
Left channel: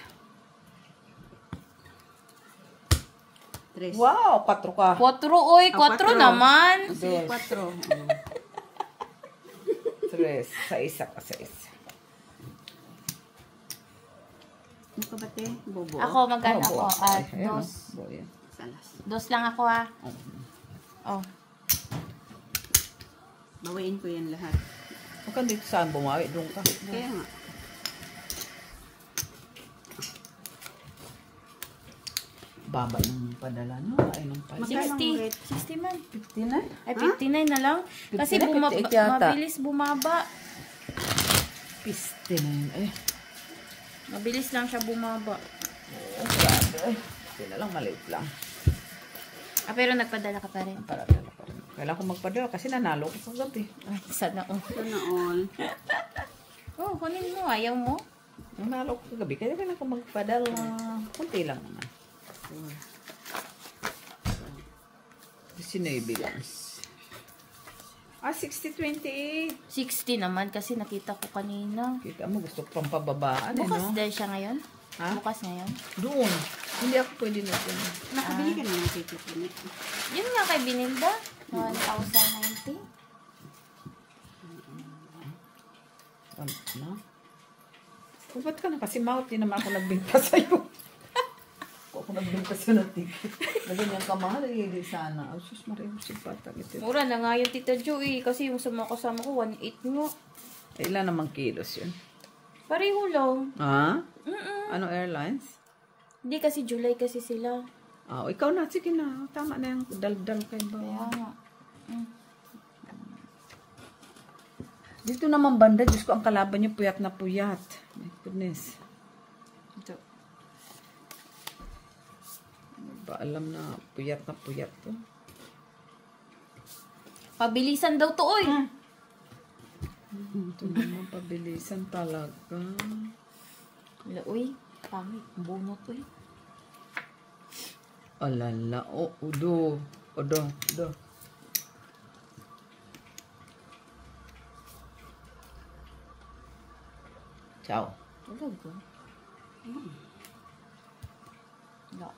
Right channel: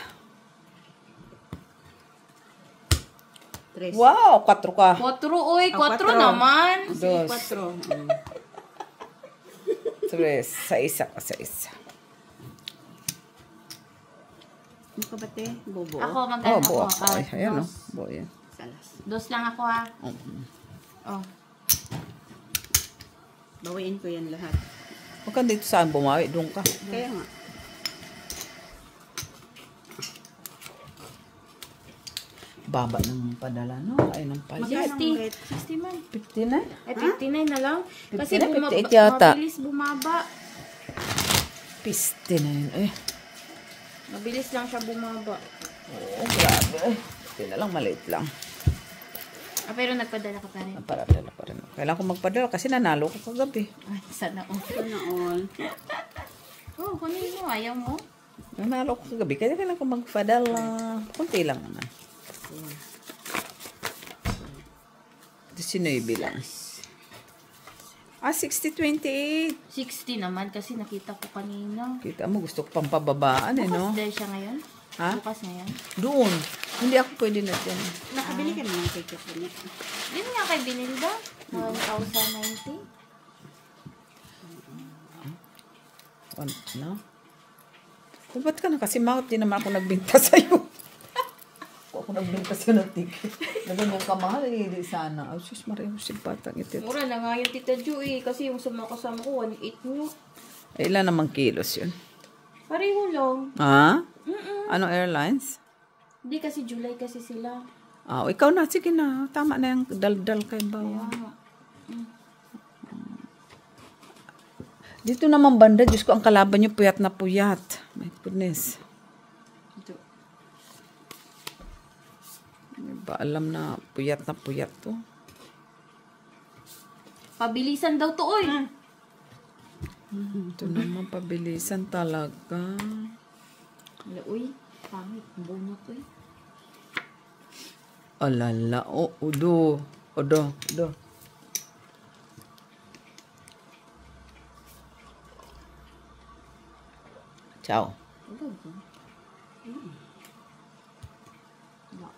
3. Wow, 4 ka. 4, uy. 4 naman. 2, 4. 3, sa isa ka sa isa. Ano ka ba, te? Bobo. Ako, mag-ano ako. Ay, ayan, no? Dos. Yan. Salas. 2 lang ako, ah. Oh. Bawain ko yan lahat. Huwag ka dito saan bumawi. Doon ka. Kaya nga. Baba ng padala, no? Ay, ng padala. 60. 60 man. 59? Ay, 59 na lang. Kasi 59, 58 yata. mabilis bumaba. Piste na yun. Eh, Mabilis lang siya bumaba. grabe. Piste na lang, maliit lang. Ah, pero nagpadala ka pa rin. Paradala pa rin. Kailangan ko magpadala kasi nanalo ko kagabi. Ay, sana all. Sana all. Oh, kunin mo. Ayaw mo? Nanalo ko kagabi. Kaya kailangan ko magpadala. Kunti lang naman. 19 lang. 60-28. 60 naman kasi nakita ko kanina. Kita mo, gusto ko pang pababaan eh, Bukas no? dahil siya ngayon? Ha? Bukas ngayon? Doon. Hindi ako pwede na dyan. Nakabili ka naman kay Tiffany. Yun nga kay Binilda. 1,090. Ano? O, ba't ka na kasi mouth? Di naman ako nagbinta sa'yo. Ako nagbinta sa'yo ng ticket. Ganyan ka mahal, sana. Oh, sus, maraming sipatang ito. Mura na nga yung Tita Jo eh. Kasi yung sumakasama ko, 1.8 mo. Ilan namang kilos yun? Pareho lang. Ha? Anong airlines? Hindi kasi July kasi sila. Ah, ikaw na. Sige na. Tama na yung dal-dal kay bawa. Dito naman banda, Diyos ko, ang kalaban niyo puyat na puyat. My goodness. Ito. Hindi ba alam na puyat to? Pabilisan daw to, oy. Ito naman, pabilisan talaga. Wala, uy. Pangit. Bunot, uy. Alala. Oh, udo. Odo. Ciao. Wala ba? Wala.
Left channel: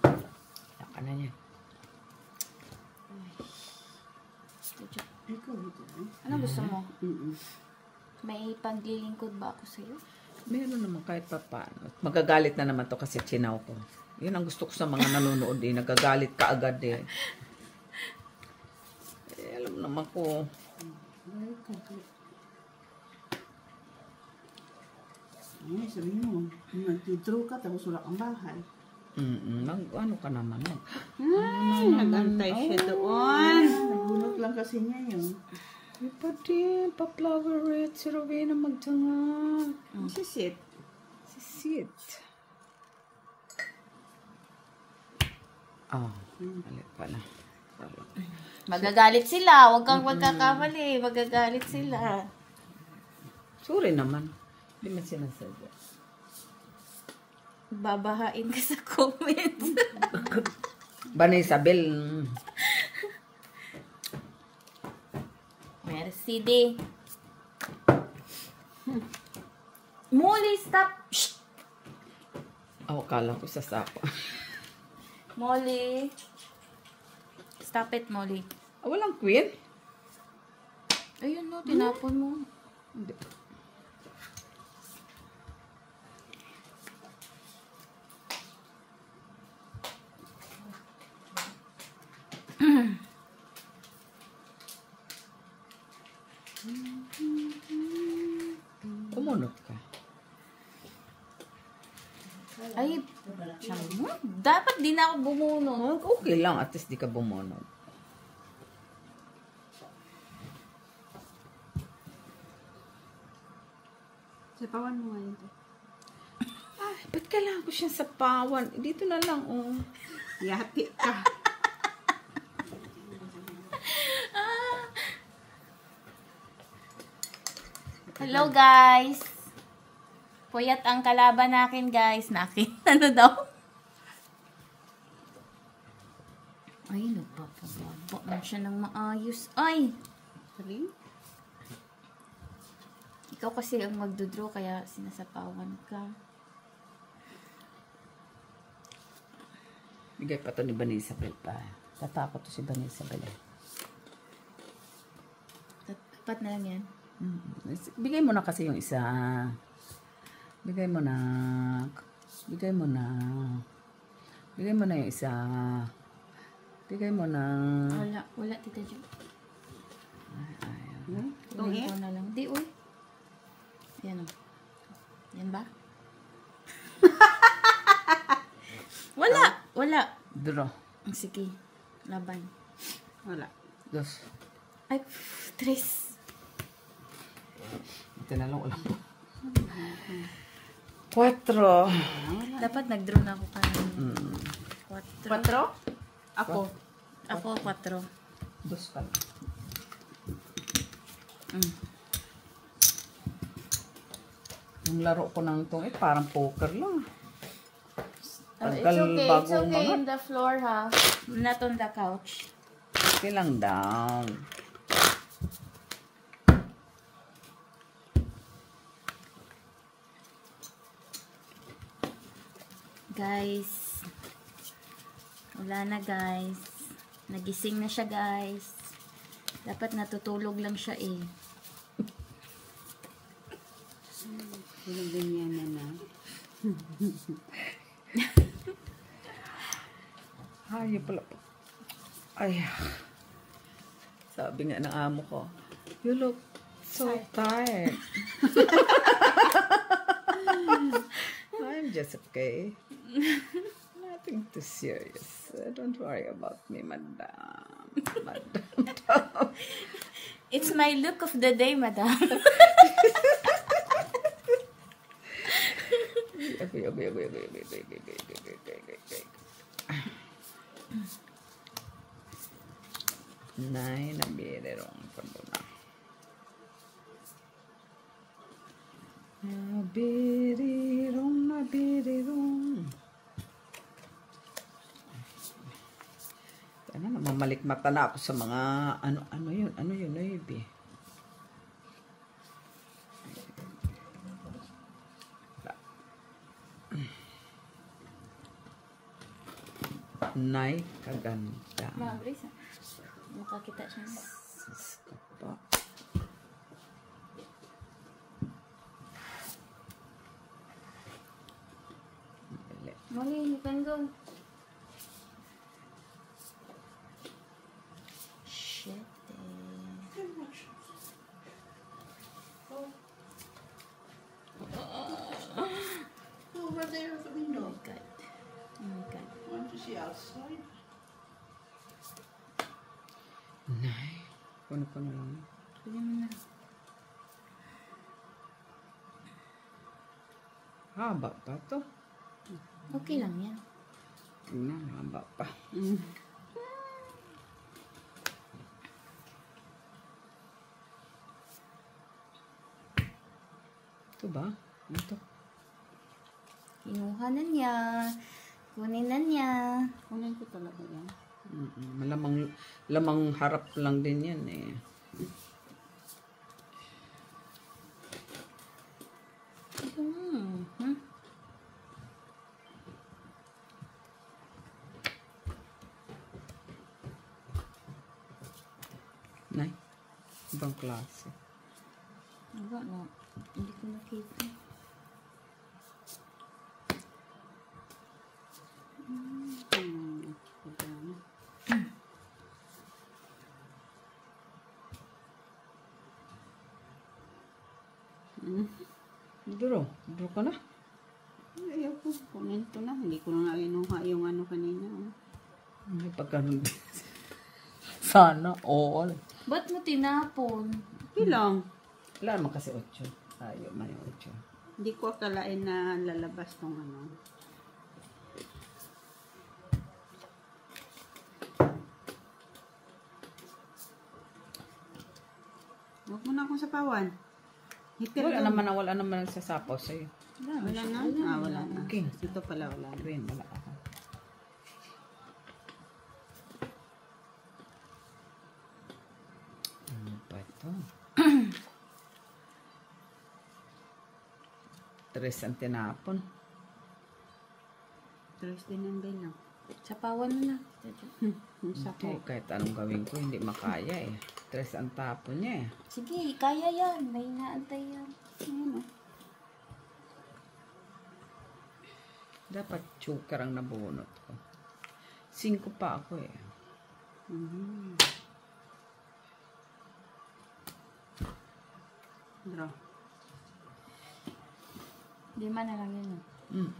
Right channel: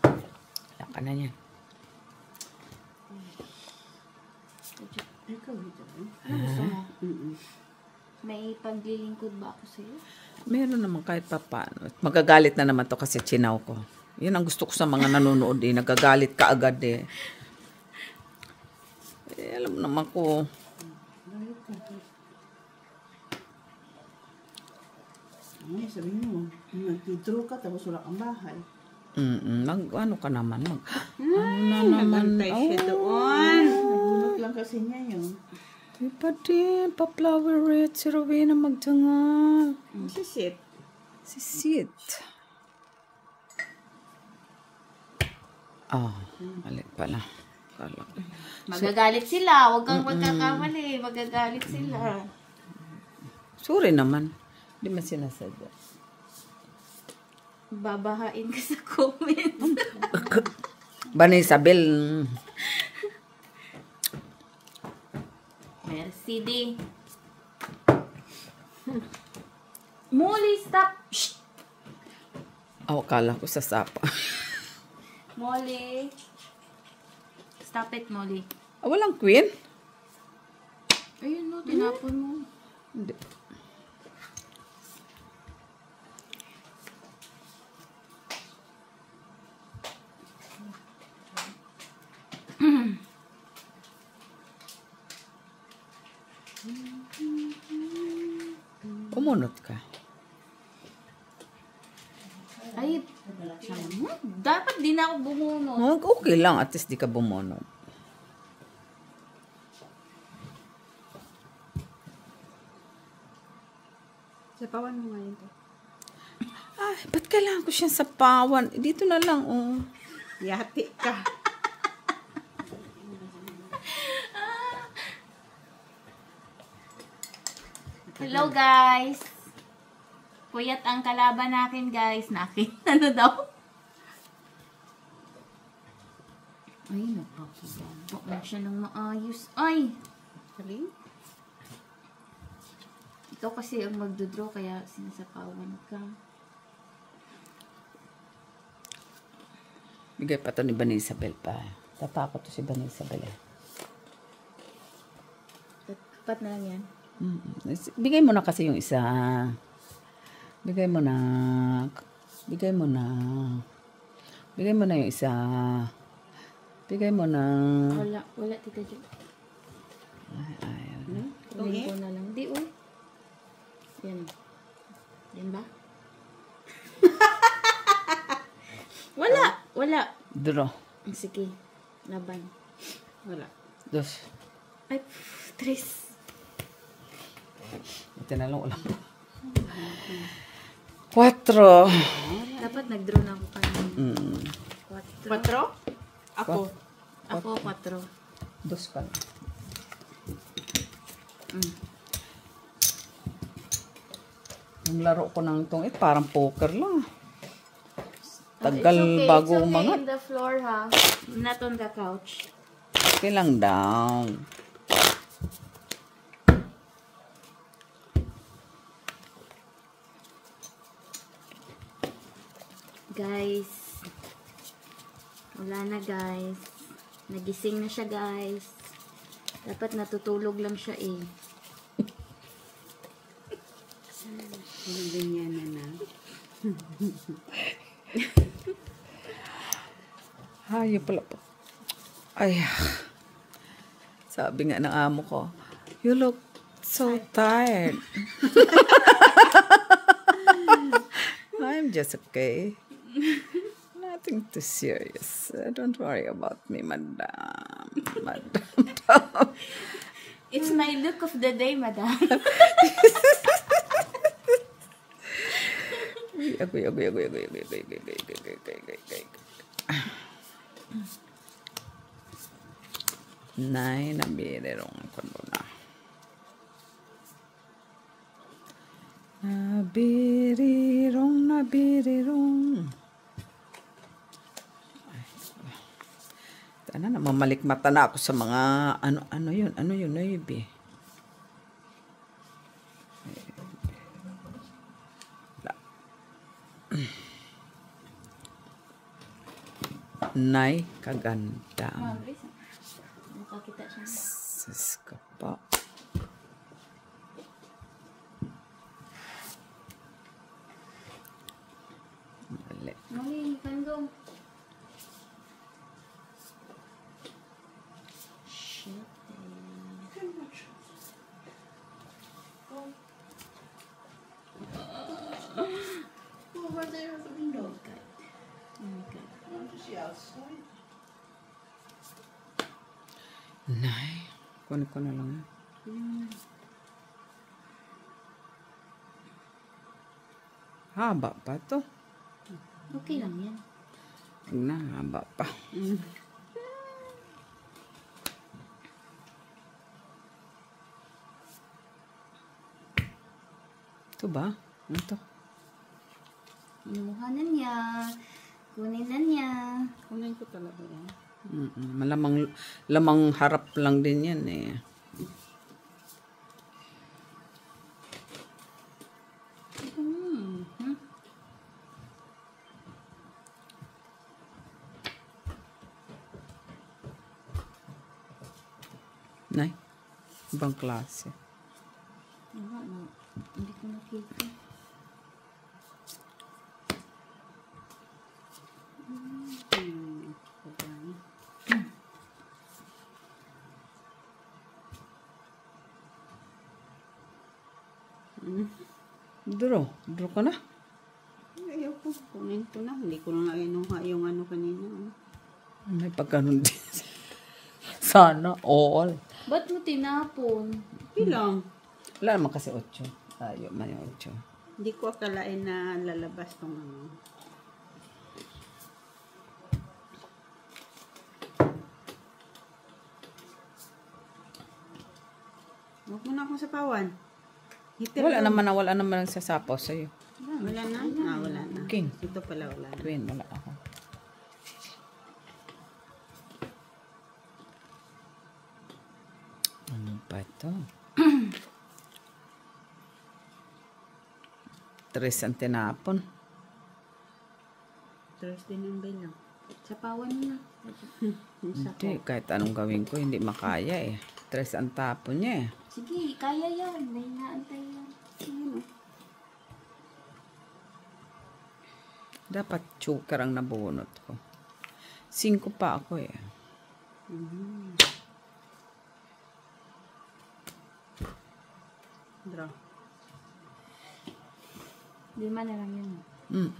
Wala ka na niyan. Ikaw ito. Ano gusto mo? May paglilingkod ba ako sa'yo? Meron naman kahit pa paano. Magagalit na naman to kasi chinaw ko. Yan ang gusto ko sa mga nanonood eh. Nagagalit ka agad eh. Alam naman ko. Ay, sabihin mo, nag-draw ka tapos wala kang bahay. Ano ka naman? Nagantay siya doon. Nagunot lang kasi niya yun. Ay pa din, pa-flower red. Si Rowena magtanga. Sisit. Si Sid. Oh, mali pala. Magagalit sila. Huwag kang magkakamali. Magagalit sila. Sorry naman. Hindi man sinasadya. Babahain ka sa comments. Bani Isabel. Merci, di. Molly, stop. Shh. Oh, kala ko sa sapa. Molly. Stop it, Molly. Walang queen? Ayun, no. Tinapon mo. Hindi. Kumunot ka. Ay, dapat di na ako bumunot. Okay lang. At least di ka bumunot. Sapawan mo ngayon to. Ay, ba't kailangan ko siyang sapawan? Dito na lang, oh. Yati ka. Hello, guys. Puyat ang kalaban nakin, guys. Nakin. Ano daw? Ay, napapababa na siya ng maayos. Ay! Sabi? Ikaw kasi ang magdodraw, kaya sinasapawan ka. Bigay pa to ni Bani Isabel pa. Tatakot to si Bani Isabel eh. Tapat na lang yan. Bigay mo na kasi yung isa. Bigay mo na. Bigay mo na. Bigay mo na yung isa. Bigay mo na. Wala, Tita Jo. Ayaw. Kunin ko na lang. Di, uy. Yan o. Yan ba? Wala. Draw. Sige. Laban. Wala. Dos. Ay, tres. Ito na lang ulang. 4. Dapat nag-draw na ako kanina. 4. 4? Ako. Ako, 4. Dos pa. Yung laro ko ng itong parang poker lang. Tagal bago It's okay mga. on the floor, ha? Not on the couch. Okay lang daw. Guys. Wala na, guys. Nagising na siya, guys. Dapat natutulog lang siya, eh. Ganyan na. Hayop pala po. Ay, sabi nga ng amo ko, you look so tired. I'm just okay. Nothing too serious. Don't worry about me, madam. Madam. It's my look of the day, madam. Agoy. Nay, nabirirong ko na. Nabirirong. Tana na, mamalikmata na ako sa mga, ano yun, Noibi. Nay, kaganda. Makakita siya. Sus ka pa. Mali, Kanggo. Shit. Over there at the window. Oh my God. I want to see outside. Nay, kunin ko na lang. Haba pa to. Okay lang yan. Na, haba pa. Ito ba? Ano to? Kinuha na niya. Kunin na niya. Kunin ko talaga yan. Lamang harap lang din yan eh. Nay, ibang klase. Wala na. Hindi ko nakita. Draw ko na. Ayoko, kunin ko na. Hindi ko na nga inuha yung ano kanina. May pagkanon din. Sana all. Ba't mo tinapon? Ilang? Wala naman kasi 8. Tayo man yung 8. Hindi ko akalain na lalabas tong ano. Huwag mo na akong sapawan. Hitir Wala lang. naman ang sasapaw sa'yo. Wala na? Wala na. King. Ito pala wala na. Queen, wala ako. Ano pa ito? 3 ang tinapon. Tres din ang bilang. Sapawan mo na. Hindi, kahit anong gawin ko, hindi makaya eh. 3 ang tapon niya eh. Sige, kaya yan. May naantay yan. Ano? Dapat choker ang nabunot ko. 5 pa ako eh. Draw. 5 na lang yun.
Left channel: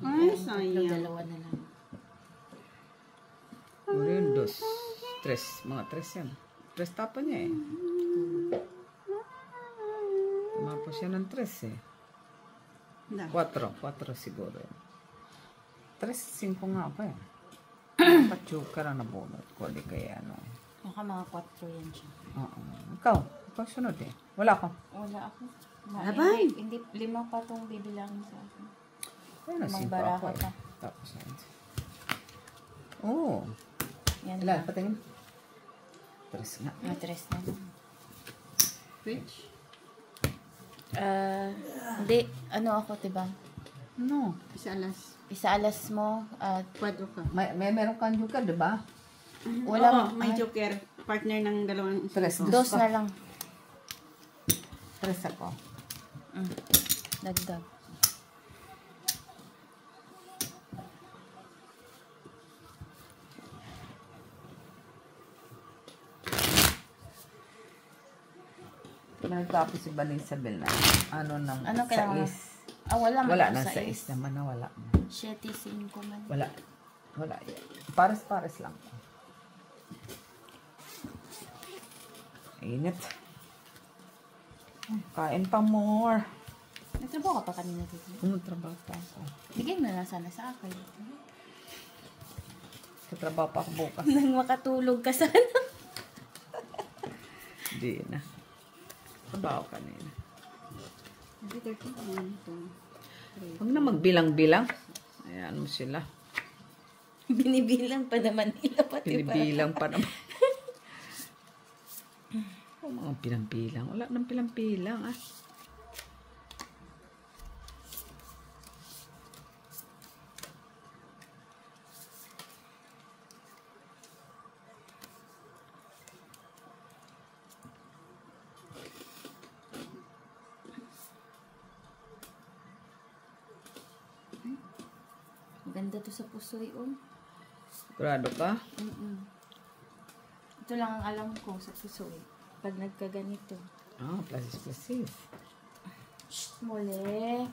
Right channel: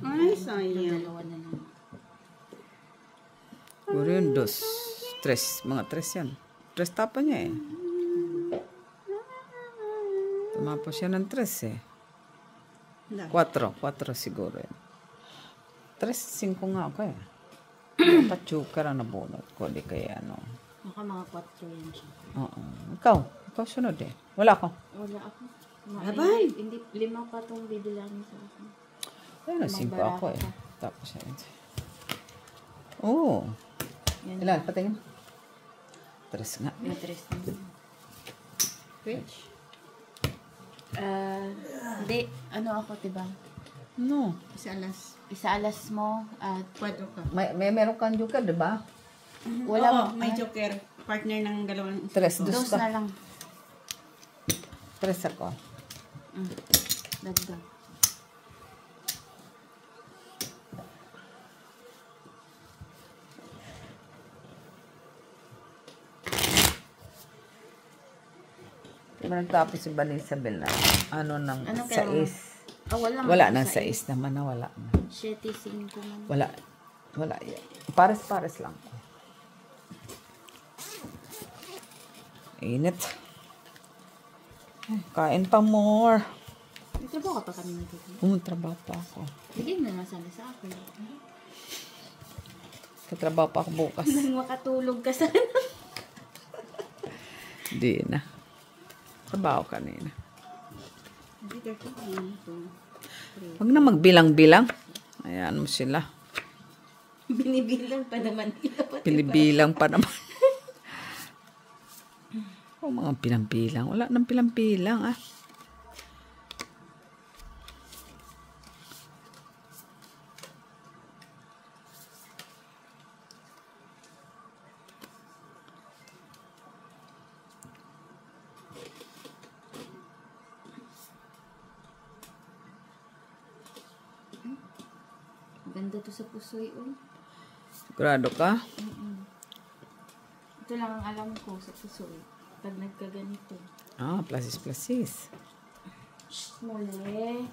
Ay, sayang. 2 na lang. Puro yun, 2. 3. Mga 3 yan. 3 tapon niya eh. Tumapos siya ng 3 eh. 4 siguro yan. 5 nga ako eh. Dapat choker ang nabunot ko. Di kaya ano. Baka mga 4 yan siya. Oo. Ikaw sunod eh. Wala ako. Wala ako. Laban! Hindi, 5 pa itong bibilangin sa akin. Ayun na, May 5 baraka ako eh. pa. Tapos yan. Oo. Yan. Ilan? Patingin. 3 nga. May 3 na. Which? Hindi. Ano ako, diba? No. Isa alas. Isaalas mo at Kwadro ka. May meron kang joker, di ba? wala Oo, mo. may joker. Partner ng dalawang. 3. 2 2 na lang. 3 ako. Dagdag. Nagtapos si Isabel na ano ng Ano kaya? 6. Wala. Wala na 6 naman na wala na. 7-5 man. Wala. Wala yan. Pares-pares lang. Init. Kain pa more. Nagtrabaho ka pa kanina dito. Trabaho pa ako. Bigay mo na lang sana sa akin. Katrabaho pa ako bukas. Nang makatulog ka sana. Di na. Trabaho kanina. Huwag na magbilang-bilang. Ayan mo sila. Binibilang pa naman nila. Pinibilang pa naman. O mga pilang-pilang. Wala nang pilang-pilang ah. Ganda to sa pusoy, oh. Sigurado ka? Ito lang ang alam ko sa pusoy. Pag nagkaganito. Plasis. Muli.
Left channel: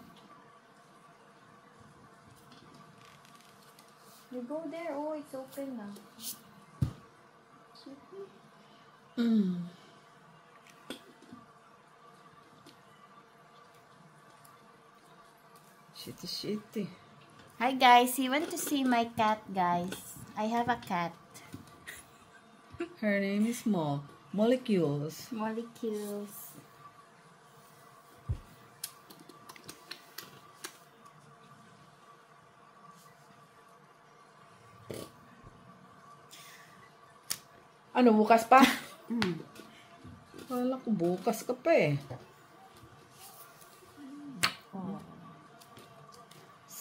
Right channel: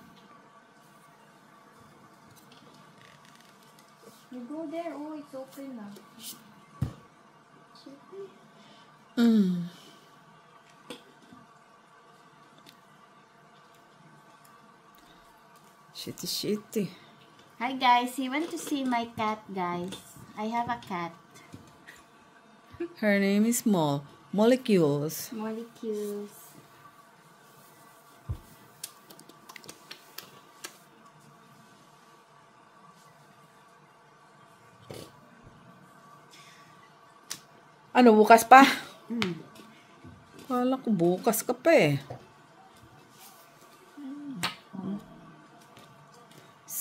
You go there. Oh, it's open na. It's open. Shitty. Hi guys, you want to see my cat, guys? I have a cat. Her name is Molecules. Molecules. Ano, bukas pa? Wala ko bukas ka pa eh.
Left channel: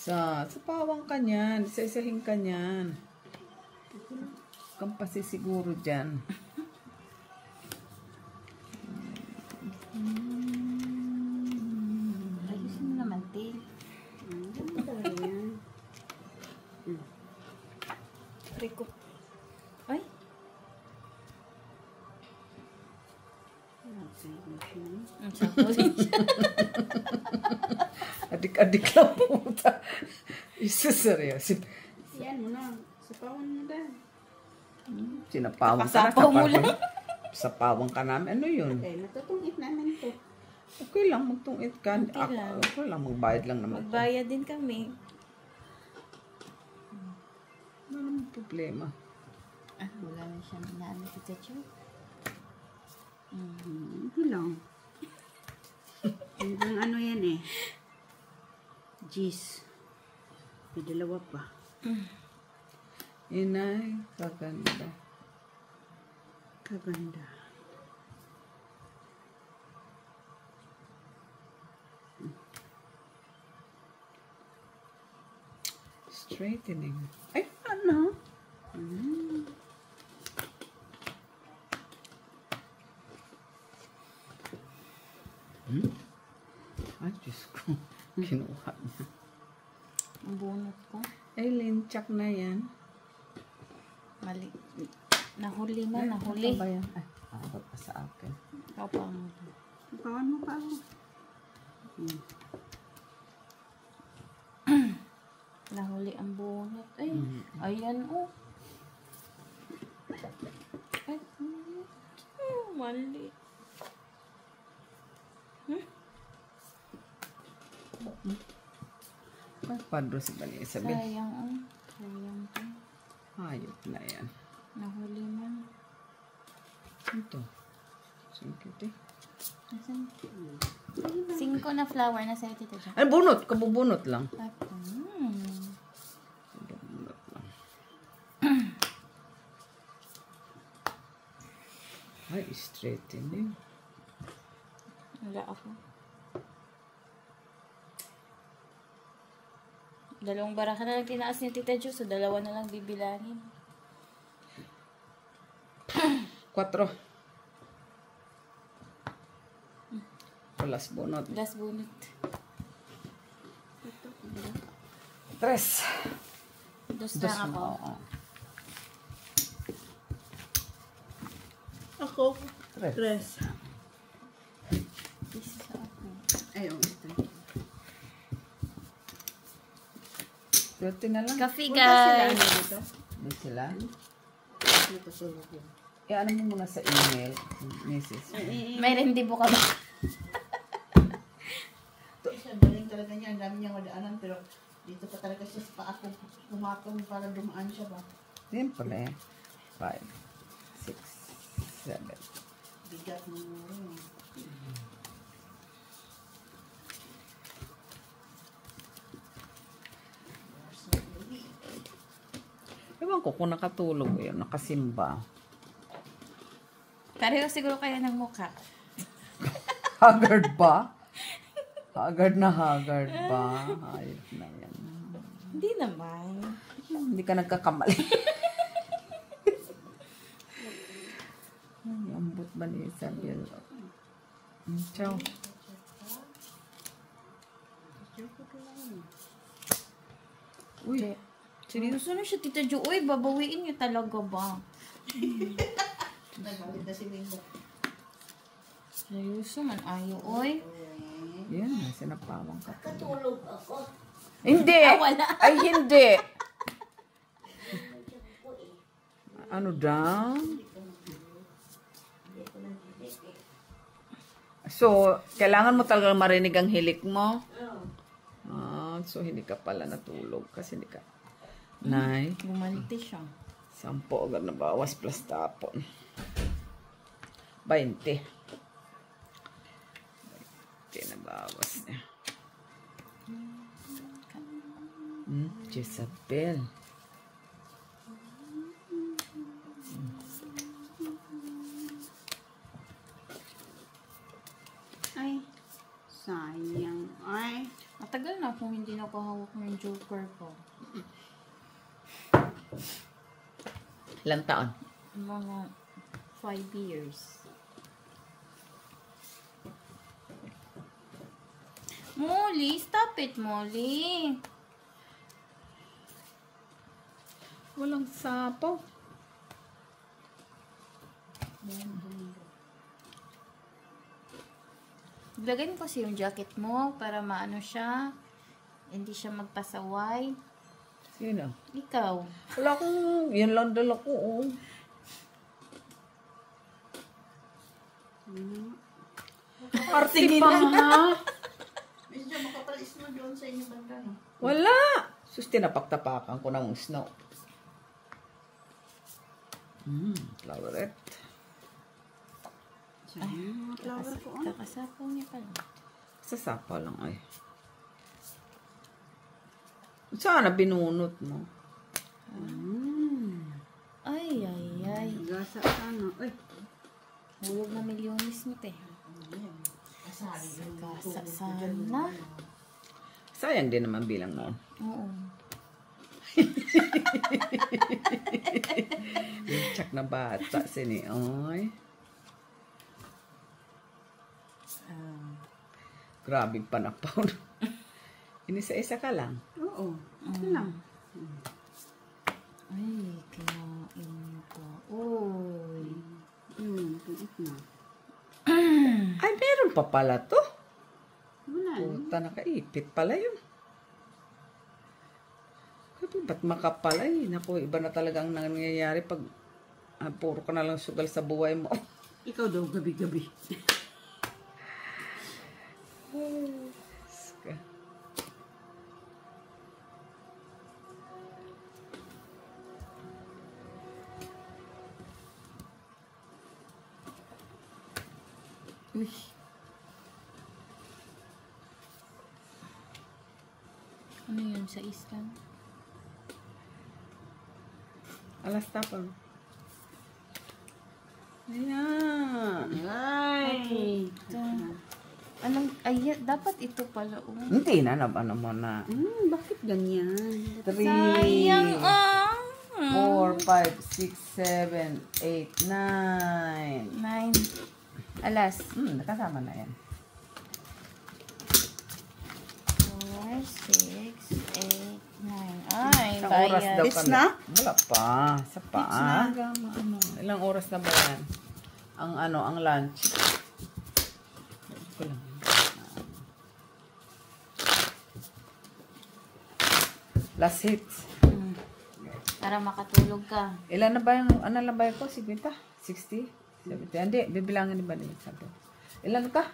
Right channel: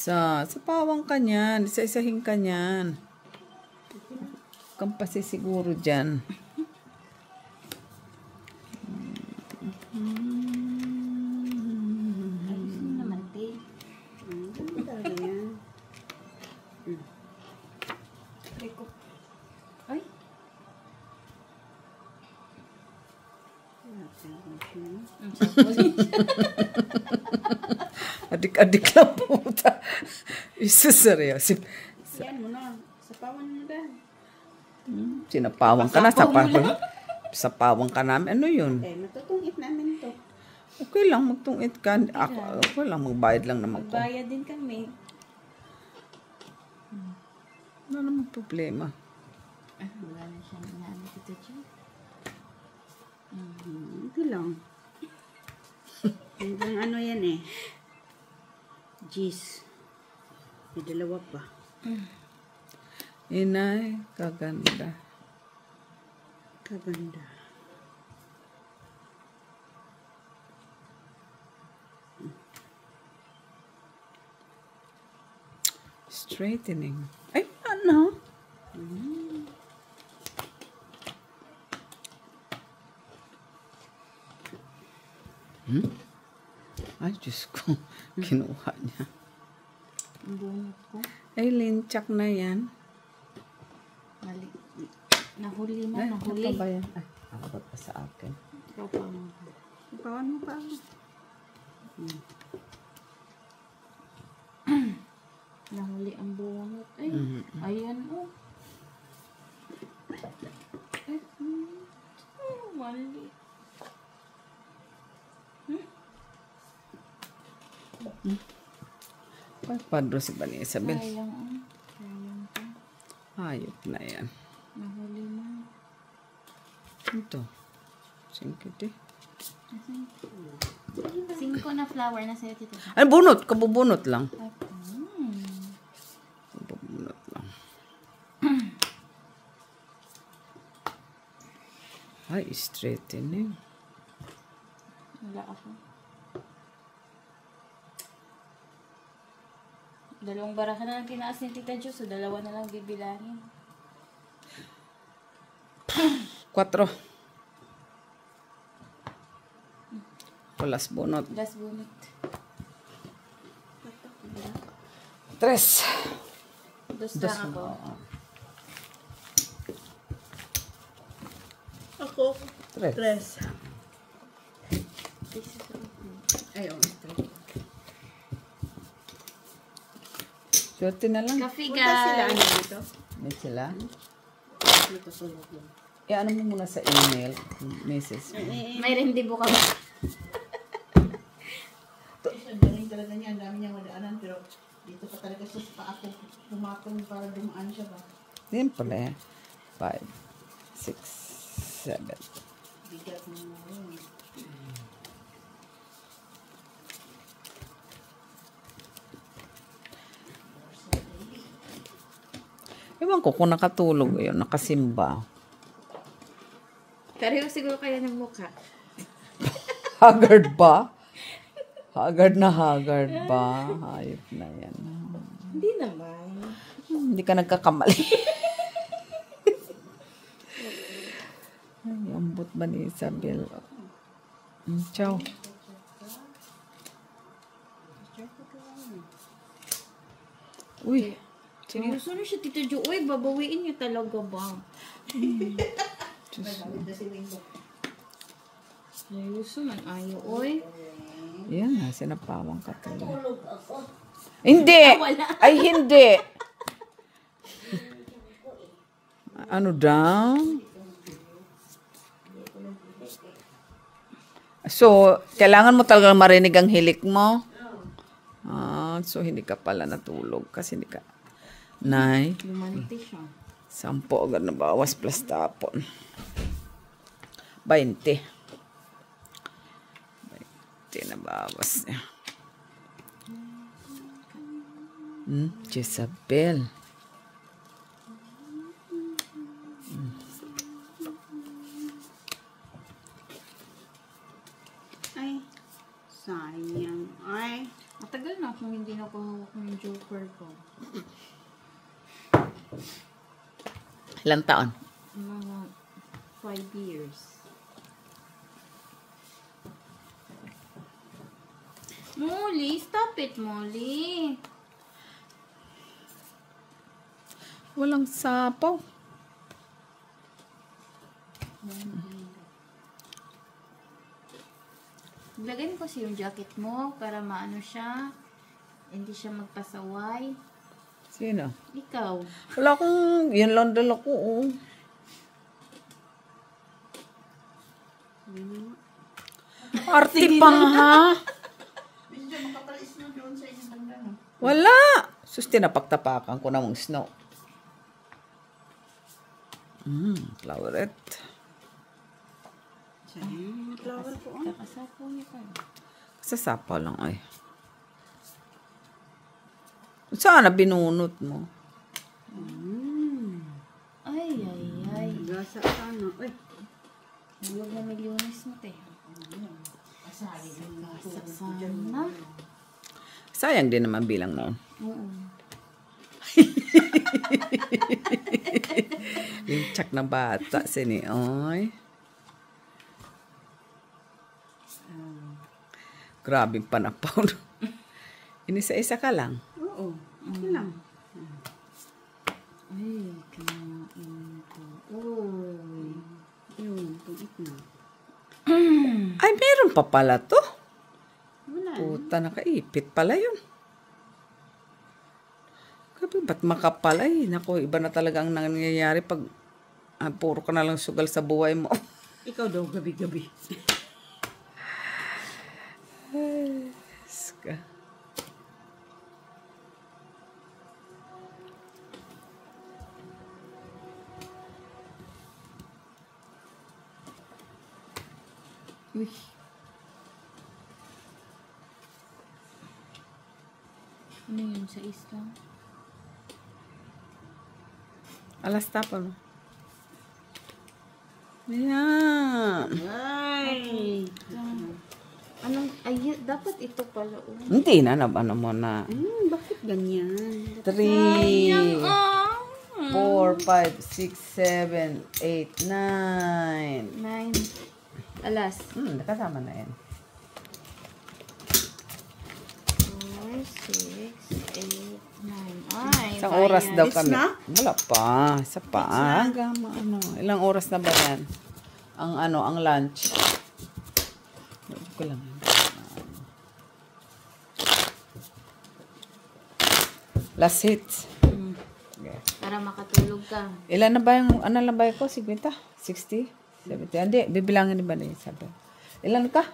Sa pawang ka niyan. Isa-isahin ka niyan. Kang pasisiguro dyan. Ayos mo naman, Tay. Rico. Ay. Ang sarap. Adik-adik lang puta. Seryoso. Yan mo na. Sapawan mo na. Sinapawang ka na. Sapawang ka namin. Ano yun? Matutungit namin to. Okay lang, magtungit ka. Okay lang, magbayad lang naman to. Magbayad din kami. Wala namang problema. Wala na siyang inaano kita, Chu. Ito lang. Hanggang ano yan eh. Jeez. May dalawa pa. Inay, kaganda. Kaganda. Straightening. Ay, ano? Ay, Diyos ko. Kinuha niya. Ang bunot ko. Ay, linchak na yan. Mali. Nahuli mo, Ay, nahuli. ano ba yan? Ay, abot pa sa akin. Ikaw pa mo. Sapawan mo pa ako. Nahuli ang bunot. Ay, ayan, oh. Ay, mali. Ay, padro si Isabel. Sayang, oh. Sayang to. Hayop na yan. Nahuli mo. Ito. Singkiti. Asan? 5 na flower na sa'yo, Tito. Ay, bunot. Kabubunot lang. Kabubunot lang. Ay, straightening. Wala ako. Dalawang baraha na lang tinaas ni Tita Jo, so dalawa na lang bibilangin. 4. Pulas bunot. Last bunot. 3. Dos lang ako. Oo. Ako. 3. Tres. Ay, straight. Swerte na lang. Coffee, Punta sila, guys. ano dito? May sila. Dito sulog yun. Ano mo muna sa email, Mrs. May rendibo kami. Ang galing talaga niya, ang dami niyang madaanan, pero dito pa talaga siya sa ako pumakong para dumaan siya ba? Yan pala eh. 5, 6, 7. Bigat mo. Ewan ko kung nakatulog yun, nakasimba. Pareho siguro kayo ng mukha. Haggard ba? Haggard ba? Hayop na yan. Hindi naman. Hindi ka nagkakamali. Ay, ambot ba ni Isabel? Ciao. Uy, Seryoso na siya, Tita Jo. Uy, babawiin niya talaga ba? Nagalit na si Wingo. Seryoso man, ayo, uy. yan na, sinapawang ka talaga. Hindi! Ay, hindi! Ano daw? So, kailangan mo talagang marinig ang hilik mo? So hindi ka pala natulog kasi hindi ka. Nay, Lumanti siya. 10 agad na bawas plus tapon. 20. 20 na bawas niya. Jezabel. Ay, sayang. Ay. Matagal na kung hindi nakahawak mo yung joker ko. Ilang taon? Mga 5 years. Molly, stop it, Molly. Walang sapaw. Lagay mo kasi yung jacket mo para maano siya. Hindi siya magpasaway. Sino? Ikaw. Wala akong, yun lang dala ko. Oh. Arte pa nga. Medyo makapalis mo doon sa inyong banda, no? Wala. Sus, tinapaktapakan ko ng snow. Floweret. Sayang. Flower ko. Kakasapaw niya pa. Kasasapaw lang ay. Sana binunot mo. Ay, ay, ay. Gasa ka na. Ay. Bulog na milyones mo, te. Gasa sana. Sayang din naman bilang noon. Oo. Yung tsak na bata, sinioy. Grabing panapaw. Inisa-isa ka lang. Oo. Ito lang. Ay, kinain ko. Uy. Tuit na. Ay, meron pa pala to. Wala. Puta, nakaipit pala yun. Grabe, ba't makapal? Ay, naku, iba na talaga ang nangyayari pag puro ka na lang sugal sa buhay mo. Ikaw daw gabi-gabi. Ska. Uy. Ano yun sa Islam? Alas tapon. Ayan. Ay. Anong, ay, dapat ito pala. Hindi na, ano mo na. Bakit ganyan? 3, Sayang, 4, 5, 6, 7, 8, 9. 9. Alas. Nakasama na yan. 4, 6, 8, 9. Ay, Isang oras daw It's kami. na? Wala pa. Isa pa. Ano, ilang oras na ba yan? Ang lunch. Ko lang. Last hits. Para makatulog ka. Ilan na ba yung, ano lang ba ko? 50? 60? 70? Hindi, bibilangin ni ba na yun? Sabi. Ilan ka?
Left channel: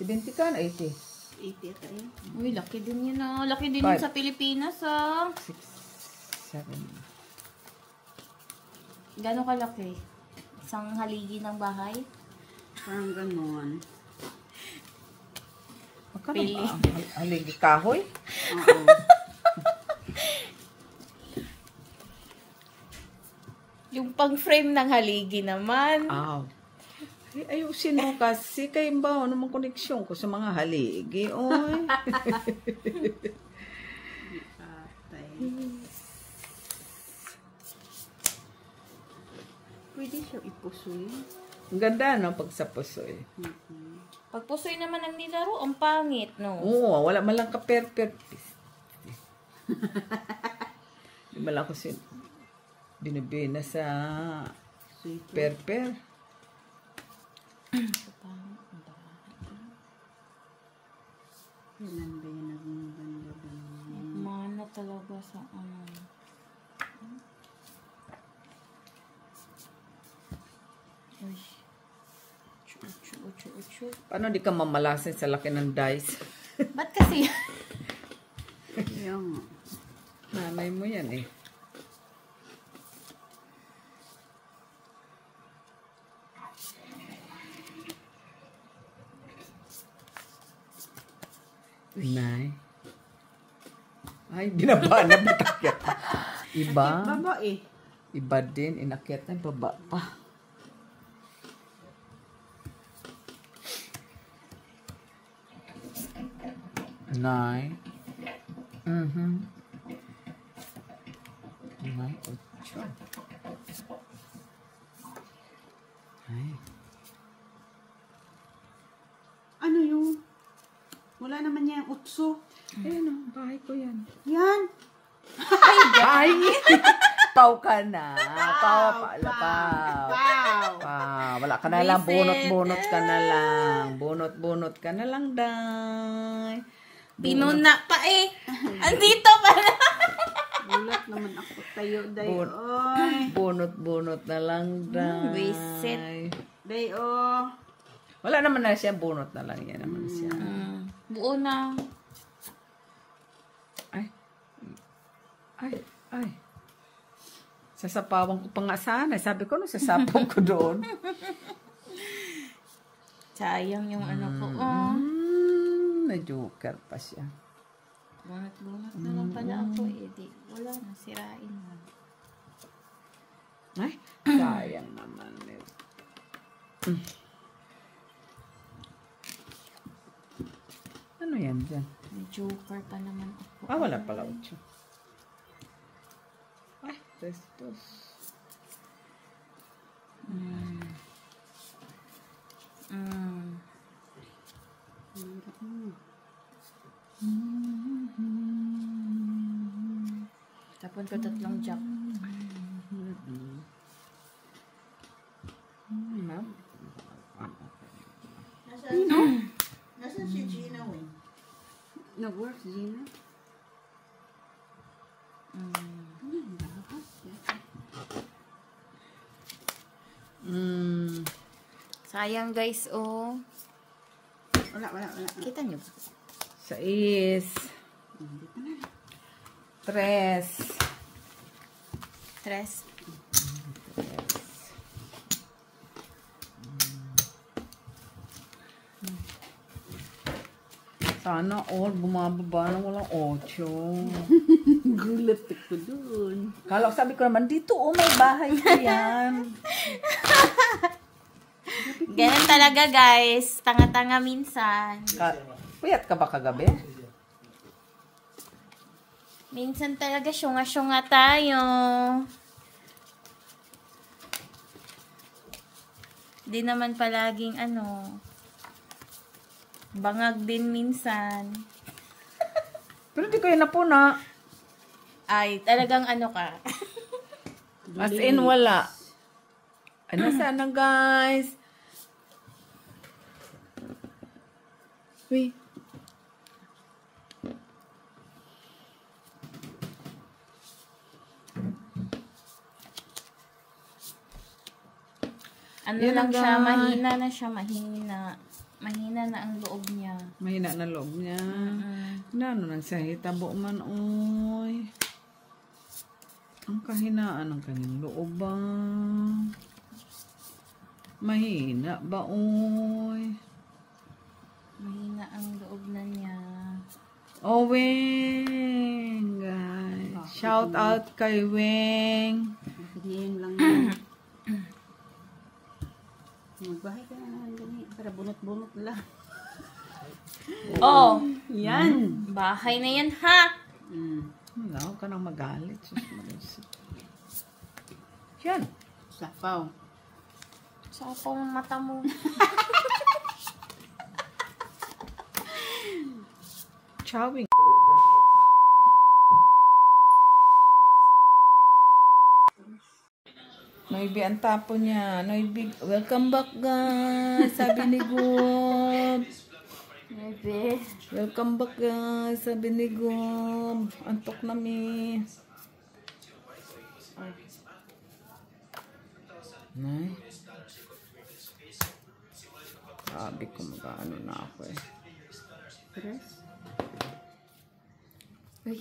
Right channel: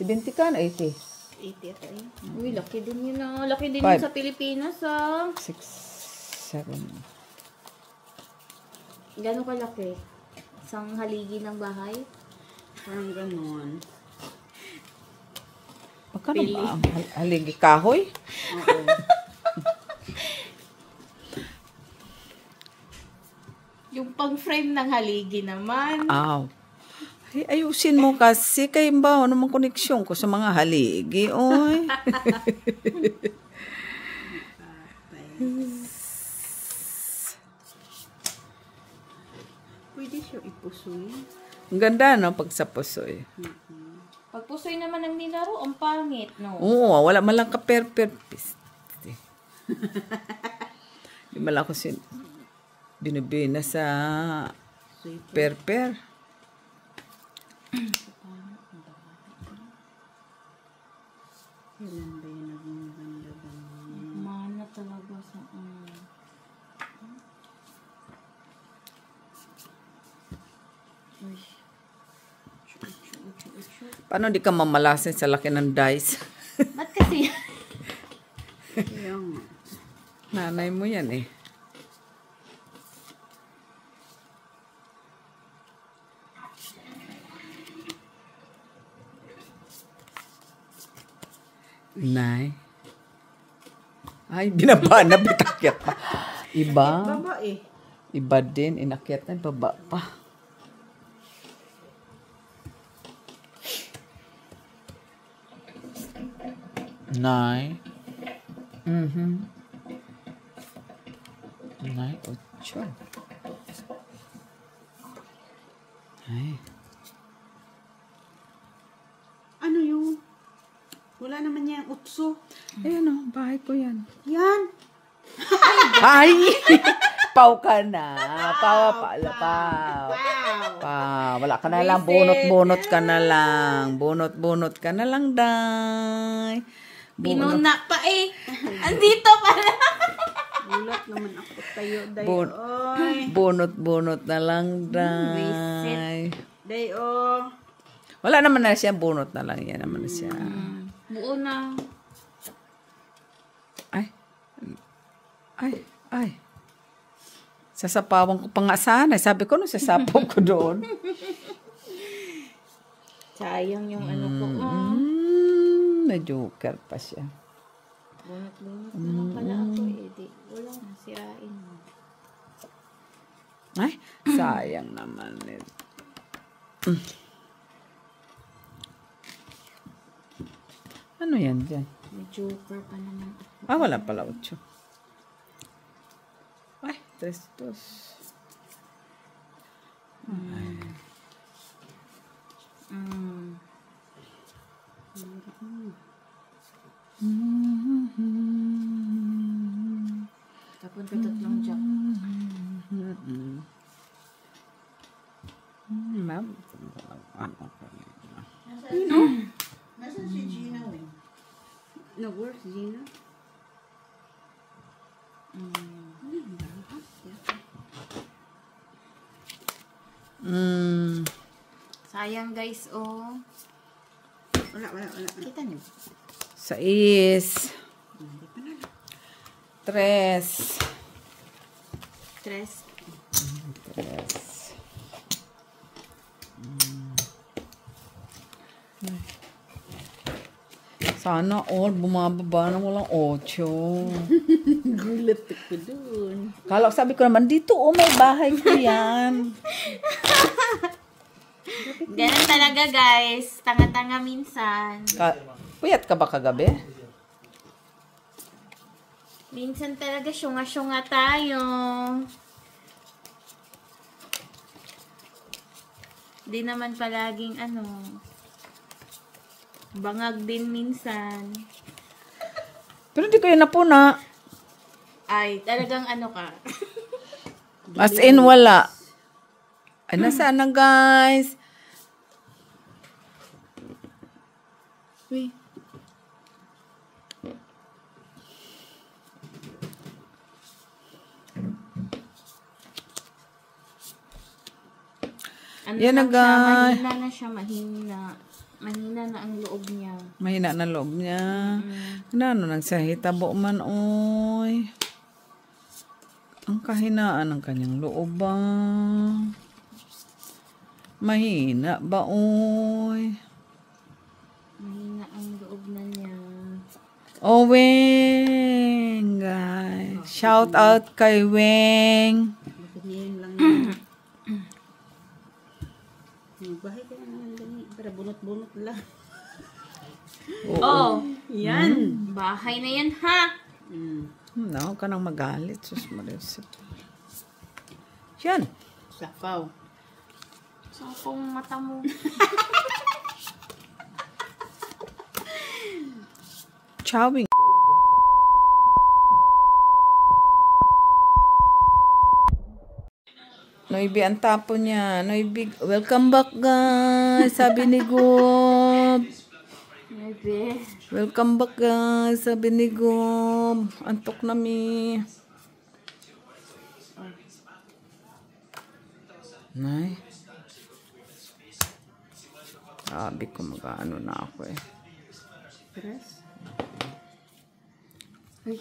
70 ka na 80? 80 ata yun. Uy, laki din yun ah. Laki din Five. yun sa Pilipinas ah. 6, 7. Gano'n kalaki? Isang haligi ng bahay? Parang ganon. Magkano ba ang haligi? Kahoy? Oo. Yung pang-frame ng haligi naman. Aw. Ay, ayusin mo kasi kay ba ano mang koneksyon ko sa mga haligi. Oy. Pwede siya ipusoy. Ang ganda no pag sa pusoy. Pag pusoy naman ang nilaro, ang pangit, no? Oo, wala man lang ka per. Di man lang ko binibina sa per. Kailan ba yun naging maganda-ganda? Mana talaga sa Uy. Paano di ka mamalasin sa laki ng dice? Ba't kasi? Kaya nga. Nanay mo yan eh. Nay. Ay, binaba na bitakyat pa. Iba. Baba eh. Iba din. Inakyat na baba pa. Nay. Nay, 8. Ay. Ano yun? Wala naman niya yung utso. Ayan o, bahay ko yan. Yan. Ay! Pau ka na. Pau. Wala ka na lang. Bunot-bunot ka na lang. Bunot-bunot ka na lang, day. Binuna pa eh. Andito pa na. Gulat naman ako tayo. Day, oy. Bunot-bunot na lang, day. Visit. Day, oh. Wala naman na siya. Bunot na lang. Yan naman na siya. Buo na. Ay. Sasapawan ko pa nga sana. Sabi ko, sasapaw ko doon. Sayang yung ano ko. Na-joker pa siya. Bunot-bunot naman pala ako eh. Di, wala na, sirain na. Ay, sayang naman. Ano yan dyan? May joker pa naman ako. Wala pala 8. Ay, dos. Tapon ka 3 jack. Ma'am. Nasaan si Gina, eh? Nag-work si Gina? Sayang guys, oh. Wala. Kita nyo. 6. 3. 3. Sana all bumababa na walang 8. Gulat ako dun. Kala sabi ko naman, dito may bahay ko yan. Ganun talaga guys. Tanga-tanga minsan. Puyat ka ba kagabi? Minsan talaga syunga-syunga tayo. Di naman palaging bangag din minsan. Pero di kayo napuna. Ay, talagang ka. As in, wala. Ay, nasaan na guys? Uy. Ano Yan lang na, siya, guys. mahina na siya, mahina. Mahina na ang loob niya. Mahina na loob niya. Ano nagsahitabo man, oy. Ang kahinaan ng kanyang loob ba? Mahina ba, oy? Mahina ang loob na niya. Oh, Weng, guys. Shout out kay Weng. Ganyan lang yan. Magbahay ka na ganyan. Para bunot-bunot lang. Oh, Yan. bahay na yan ha. Huwag ka nang magalit. Sus, Marisa. Yan. Sapaw. Sa akong mata mo. Chowing. Noibi ang tapo niya. Noibi, welcome back guys. Sabi ni Gob. Maybe. Welcome back guys. Sabi ni Gob. Antok na mi. Nay. Sabi ko mag-ano na ako eh. Uy.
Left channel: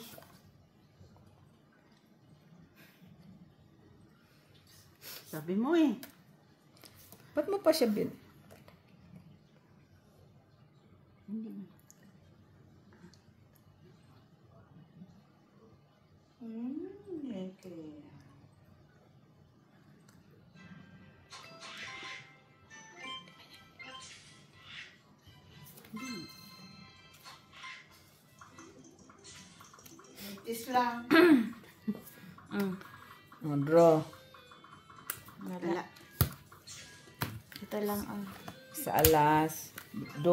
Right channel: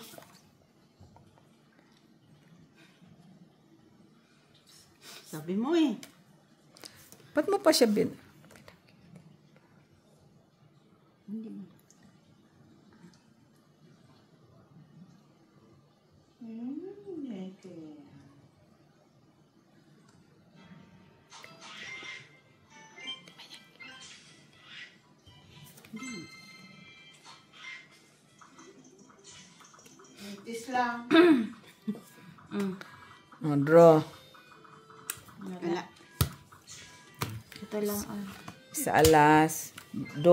Sabi mo eh. Ba't mo pa siya Okay. Itis lang. Draw. Wala. Ito lang ang. Sa alas 2,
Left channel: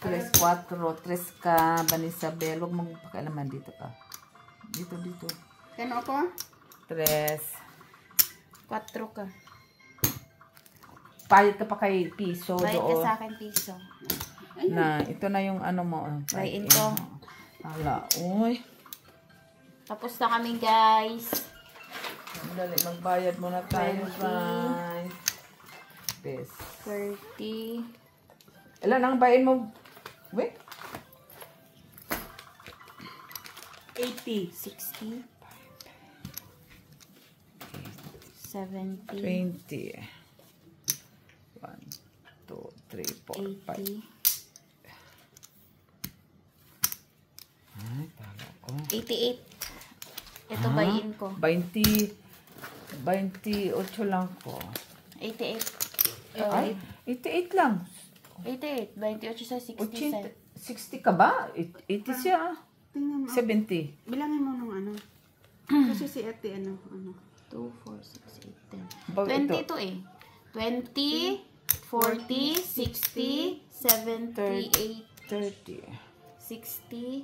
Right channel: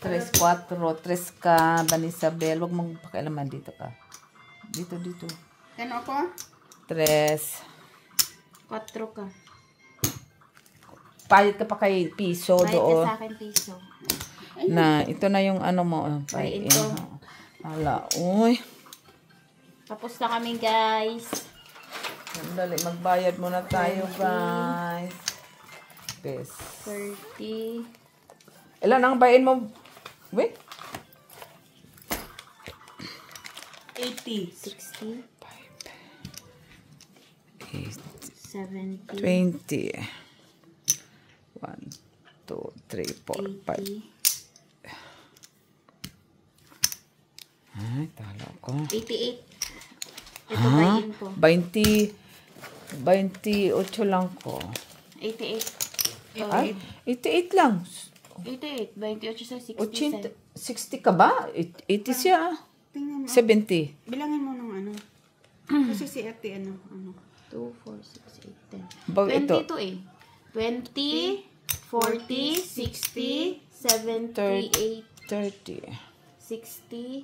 3, 4, 3 ka, Banisabel. Huwag magpakialaman dito ka. Dito. Kano ako? 3. 4 ka. Payat ka pa kay piso Bayad ka doon. sa akin piso. Na, ito na yung ano mo. Bayin ko. Hala, uy. Tapos na kami guys. Dali, magbayad muna tayo, guys. Bes. 40. Ilan ang bayin mo? Wait. 80. 60. 70. 20. 1, 2, 3, 4, 5. 80. Ay, talo ko. 88. Ito bayin ko. 28 lang ko. 88. Ay, 88 lang. 88. 28 sa 80, 67. 60 ka ba? 80 siya. Tingnan mo. 70. Bilangin mo nung ano. Kasi si ate ano. 2, 4, 6, 8, 10. Bago 20 ito. to eh. 20, 40, 60, 70, 30. 60,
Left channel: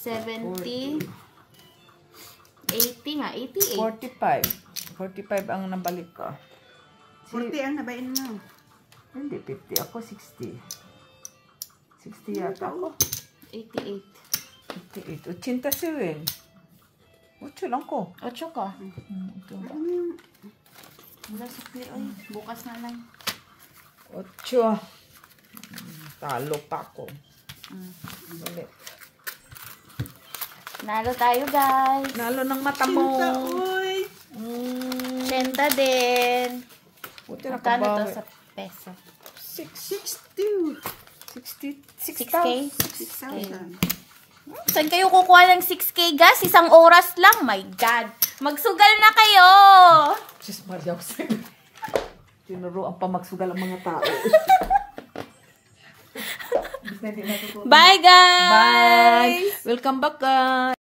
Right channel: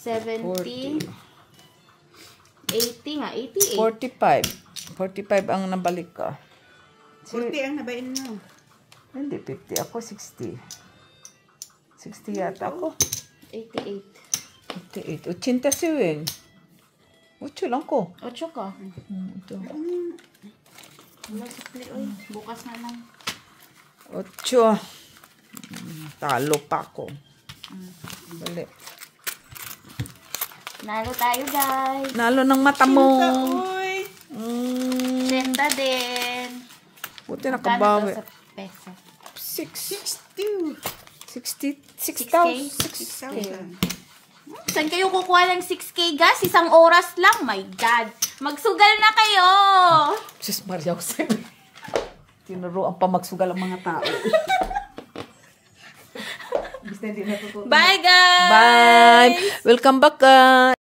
70, 80 nga, 88. 45 ang nabalik ka. 40 ang nabain mo. Hindi, 50. Ako, 60. 60 yata ako. 88. 88. 80 si Weng. 8 lang ko. 8 ka. Ito. Wala sikli, oy. Bukas na lang. 8. Talo pa ako. Balik. Nalo tayo, guys. Nalo ng mata mo. Uy! Senda din. Buti Magkano nakabawi. to sa peso? 60. 6K? 6,000. Saan kayo kukuha ng 6K, guys? Isang oras lang. My God. Magsugal na kayo. Diyos Maria, ako sa'yo. Tinuruan pa magsugal ang mga tao. Bye, guys. Bye! Welcome back, guys!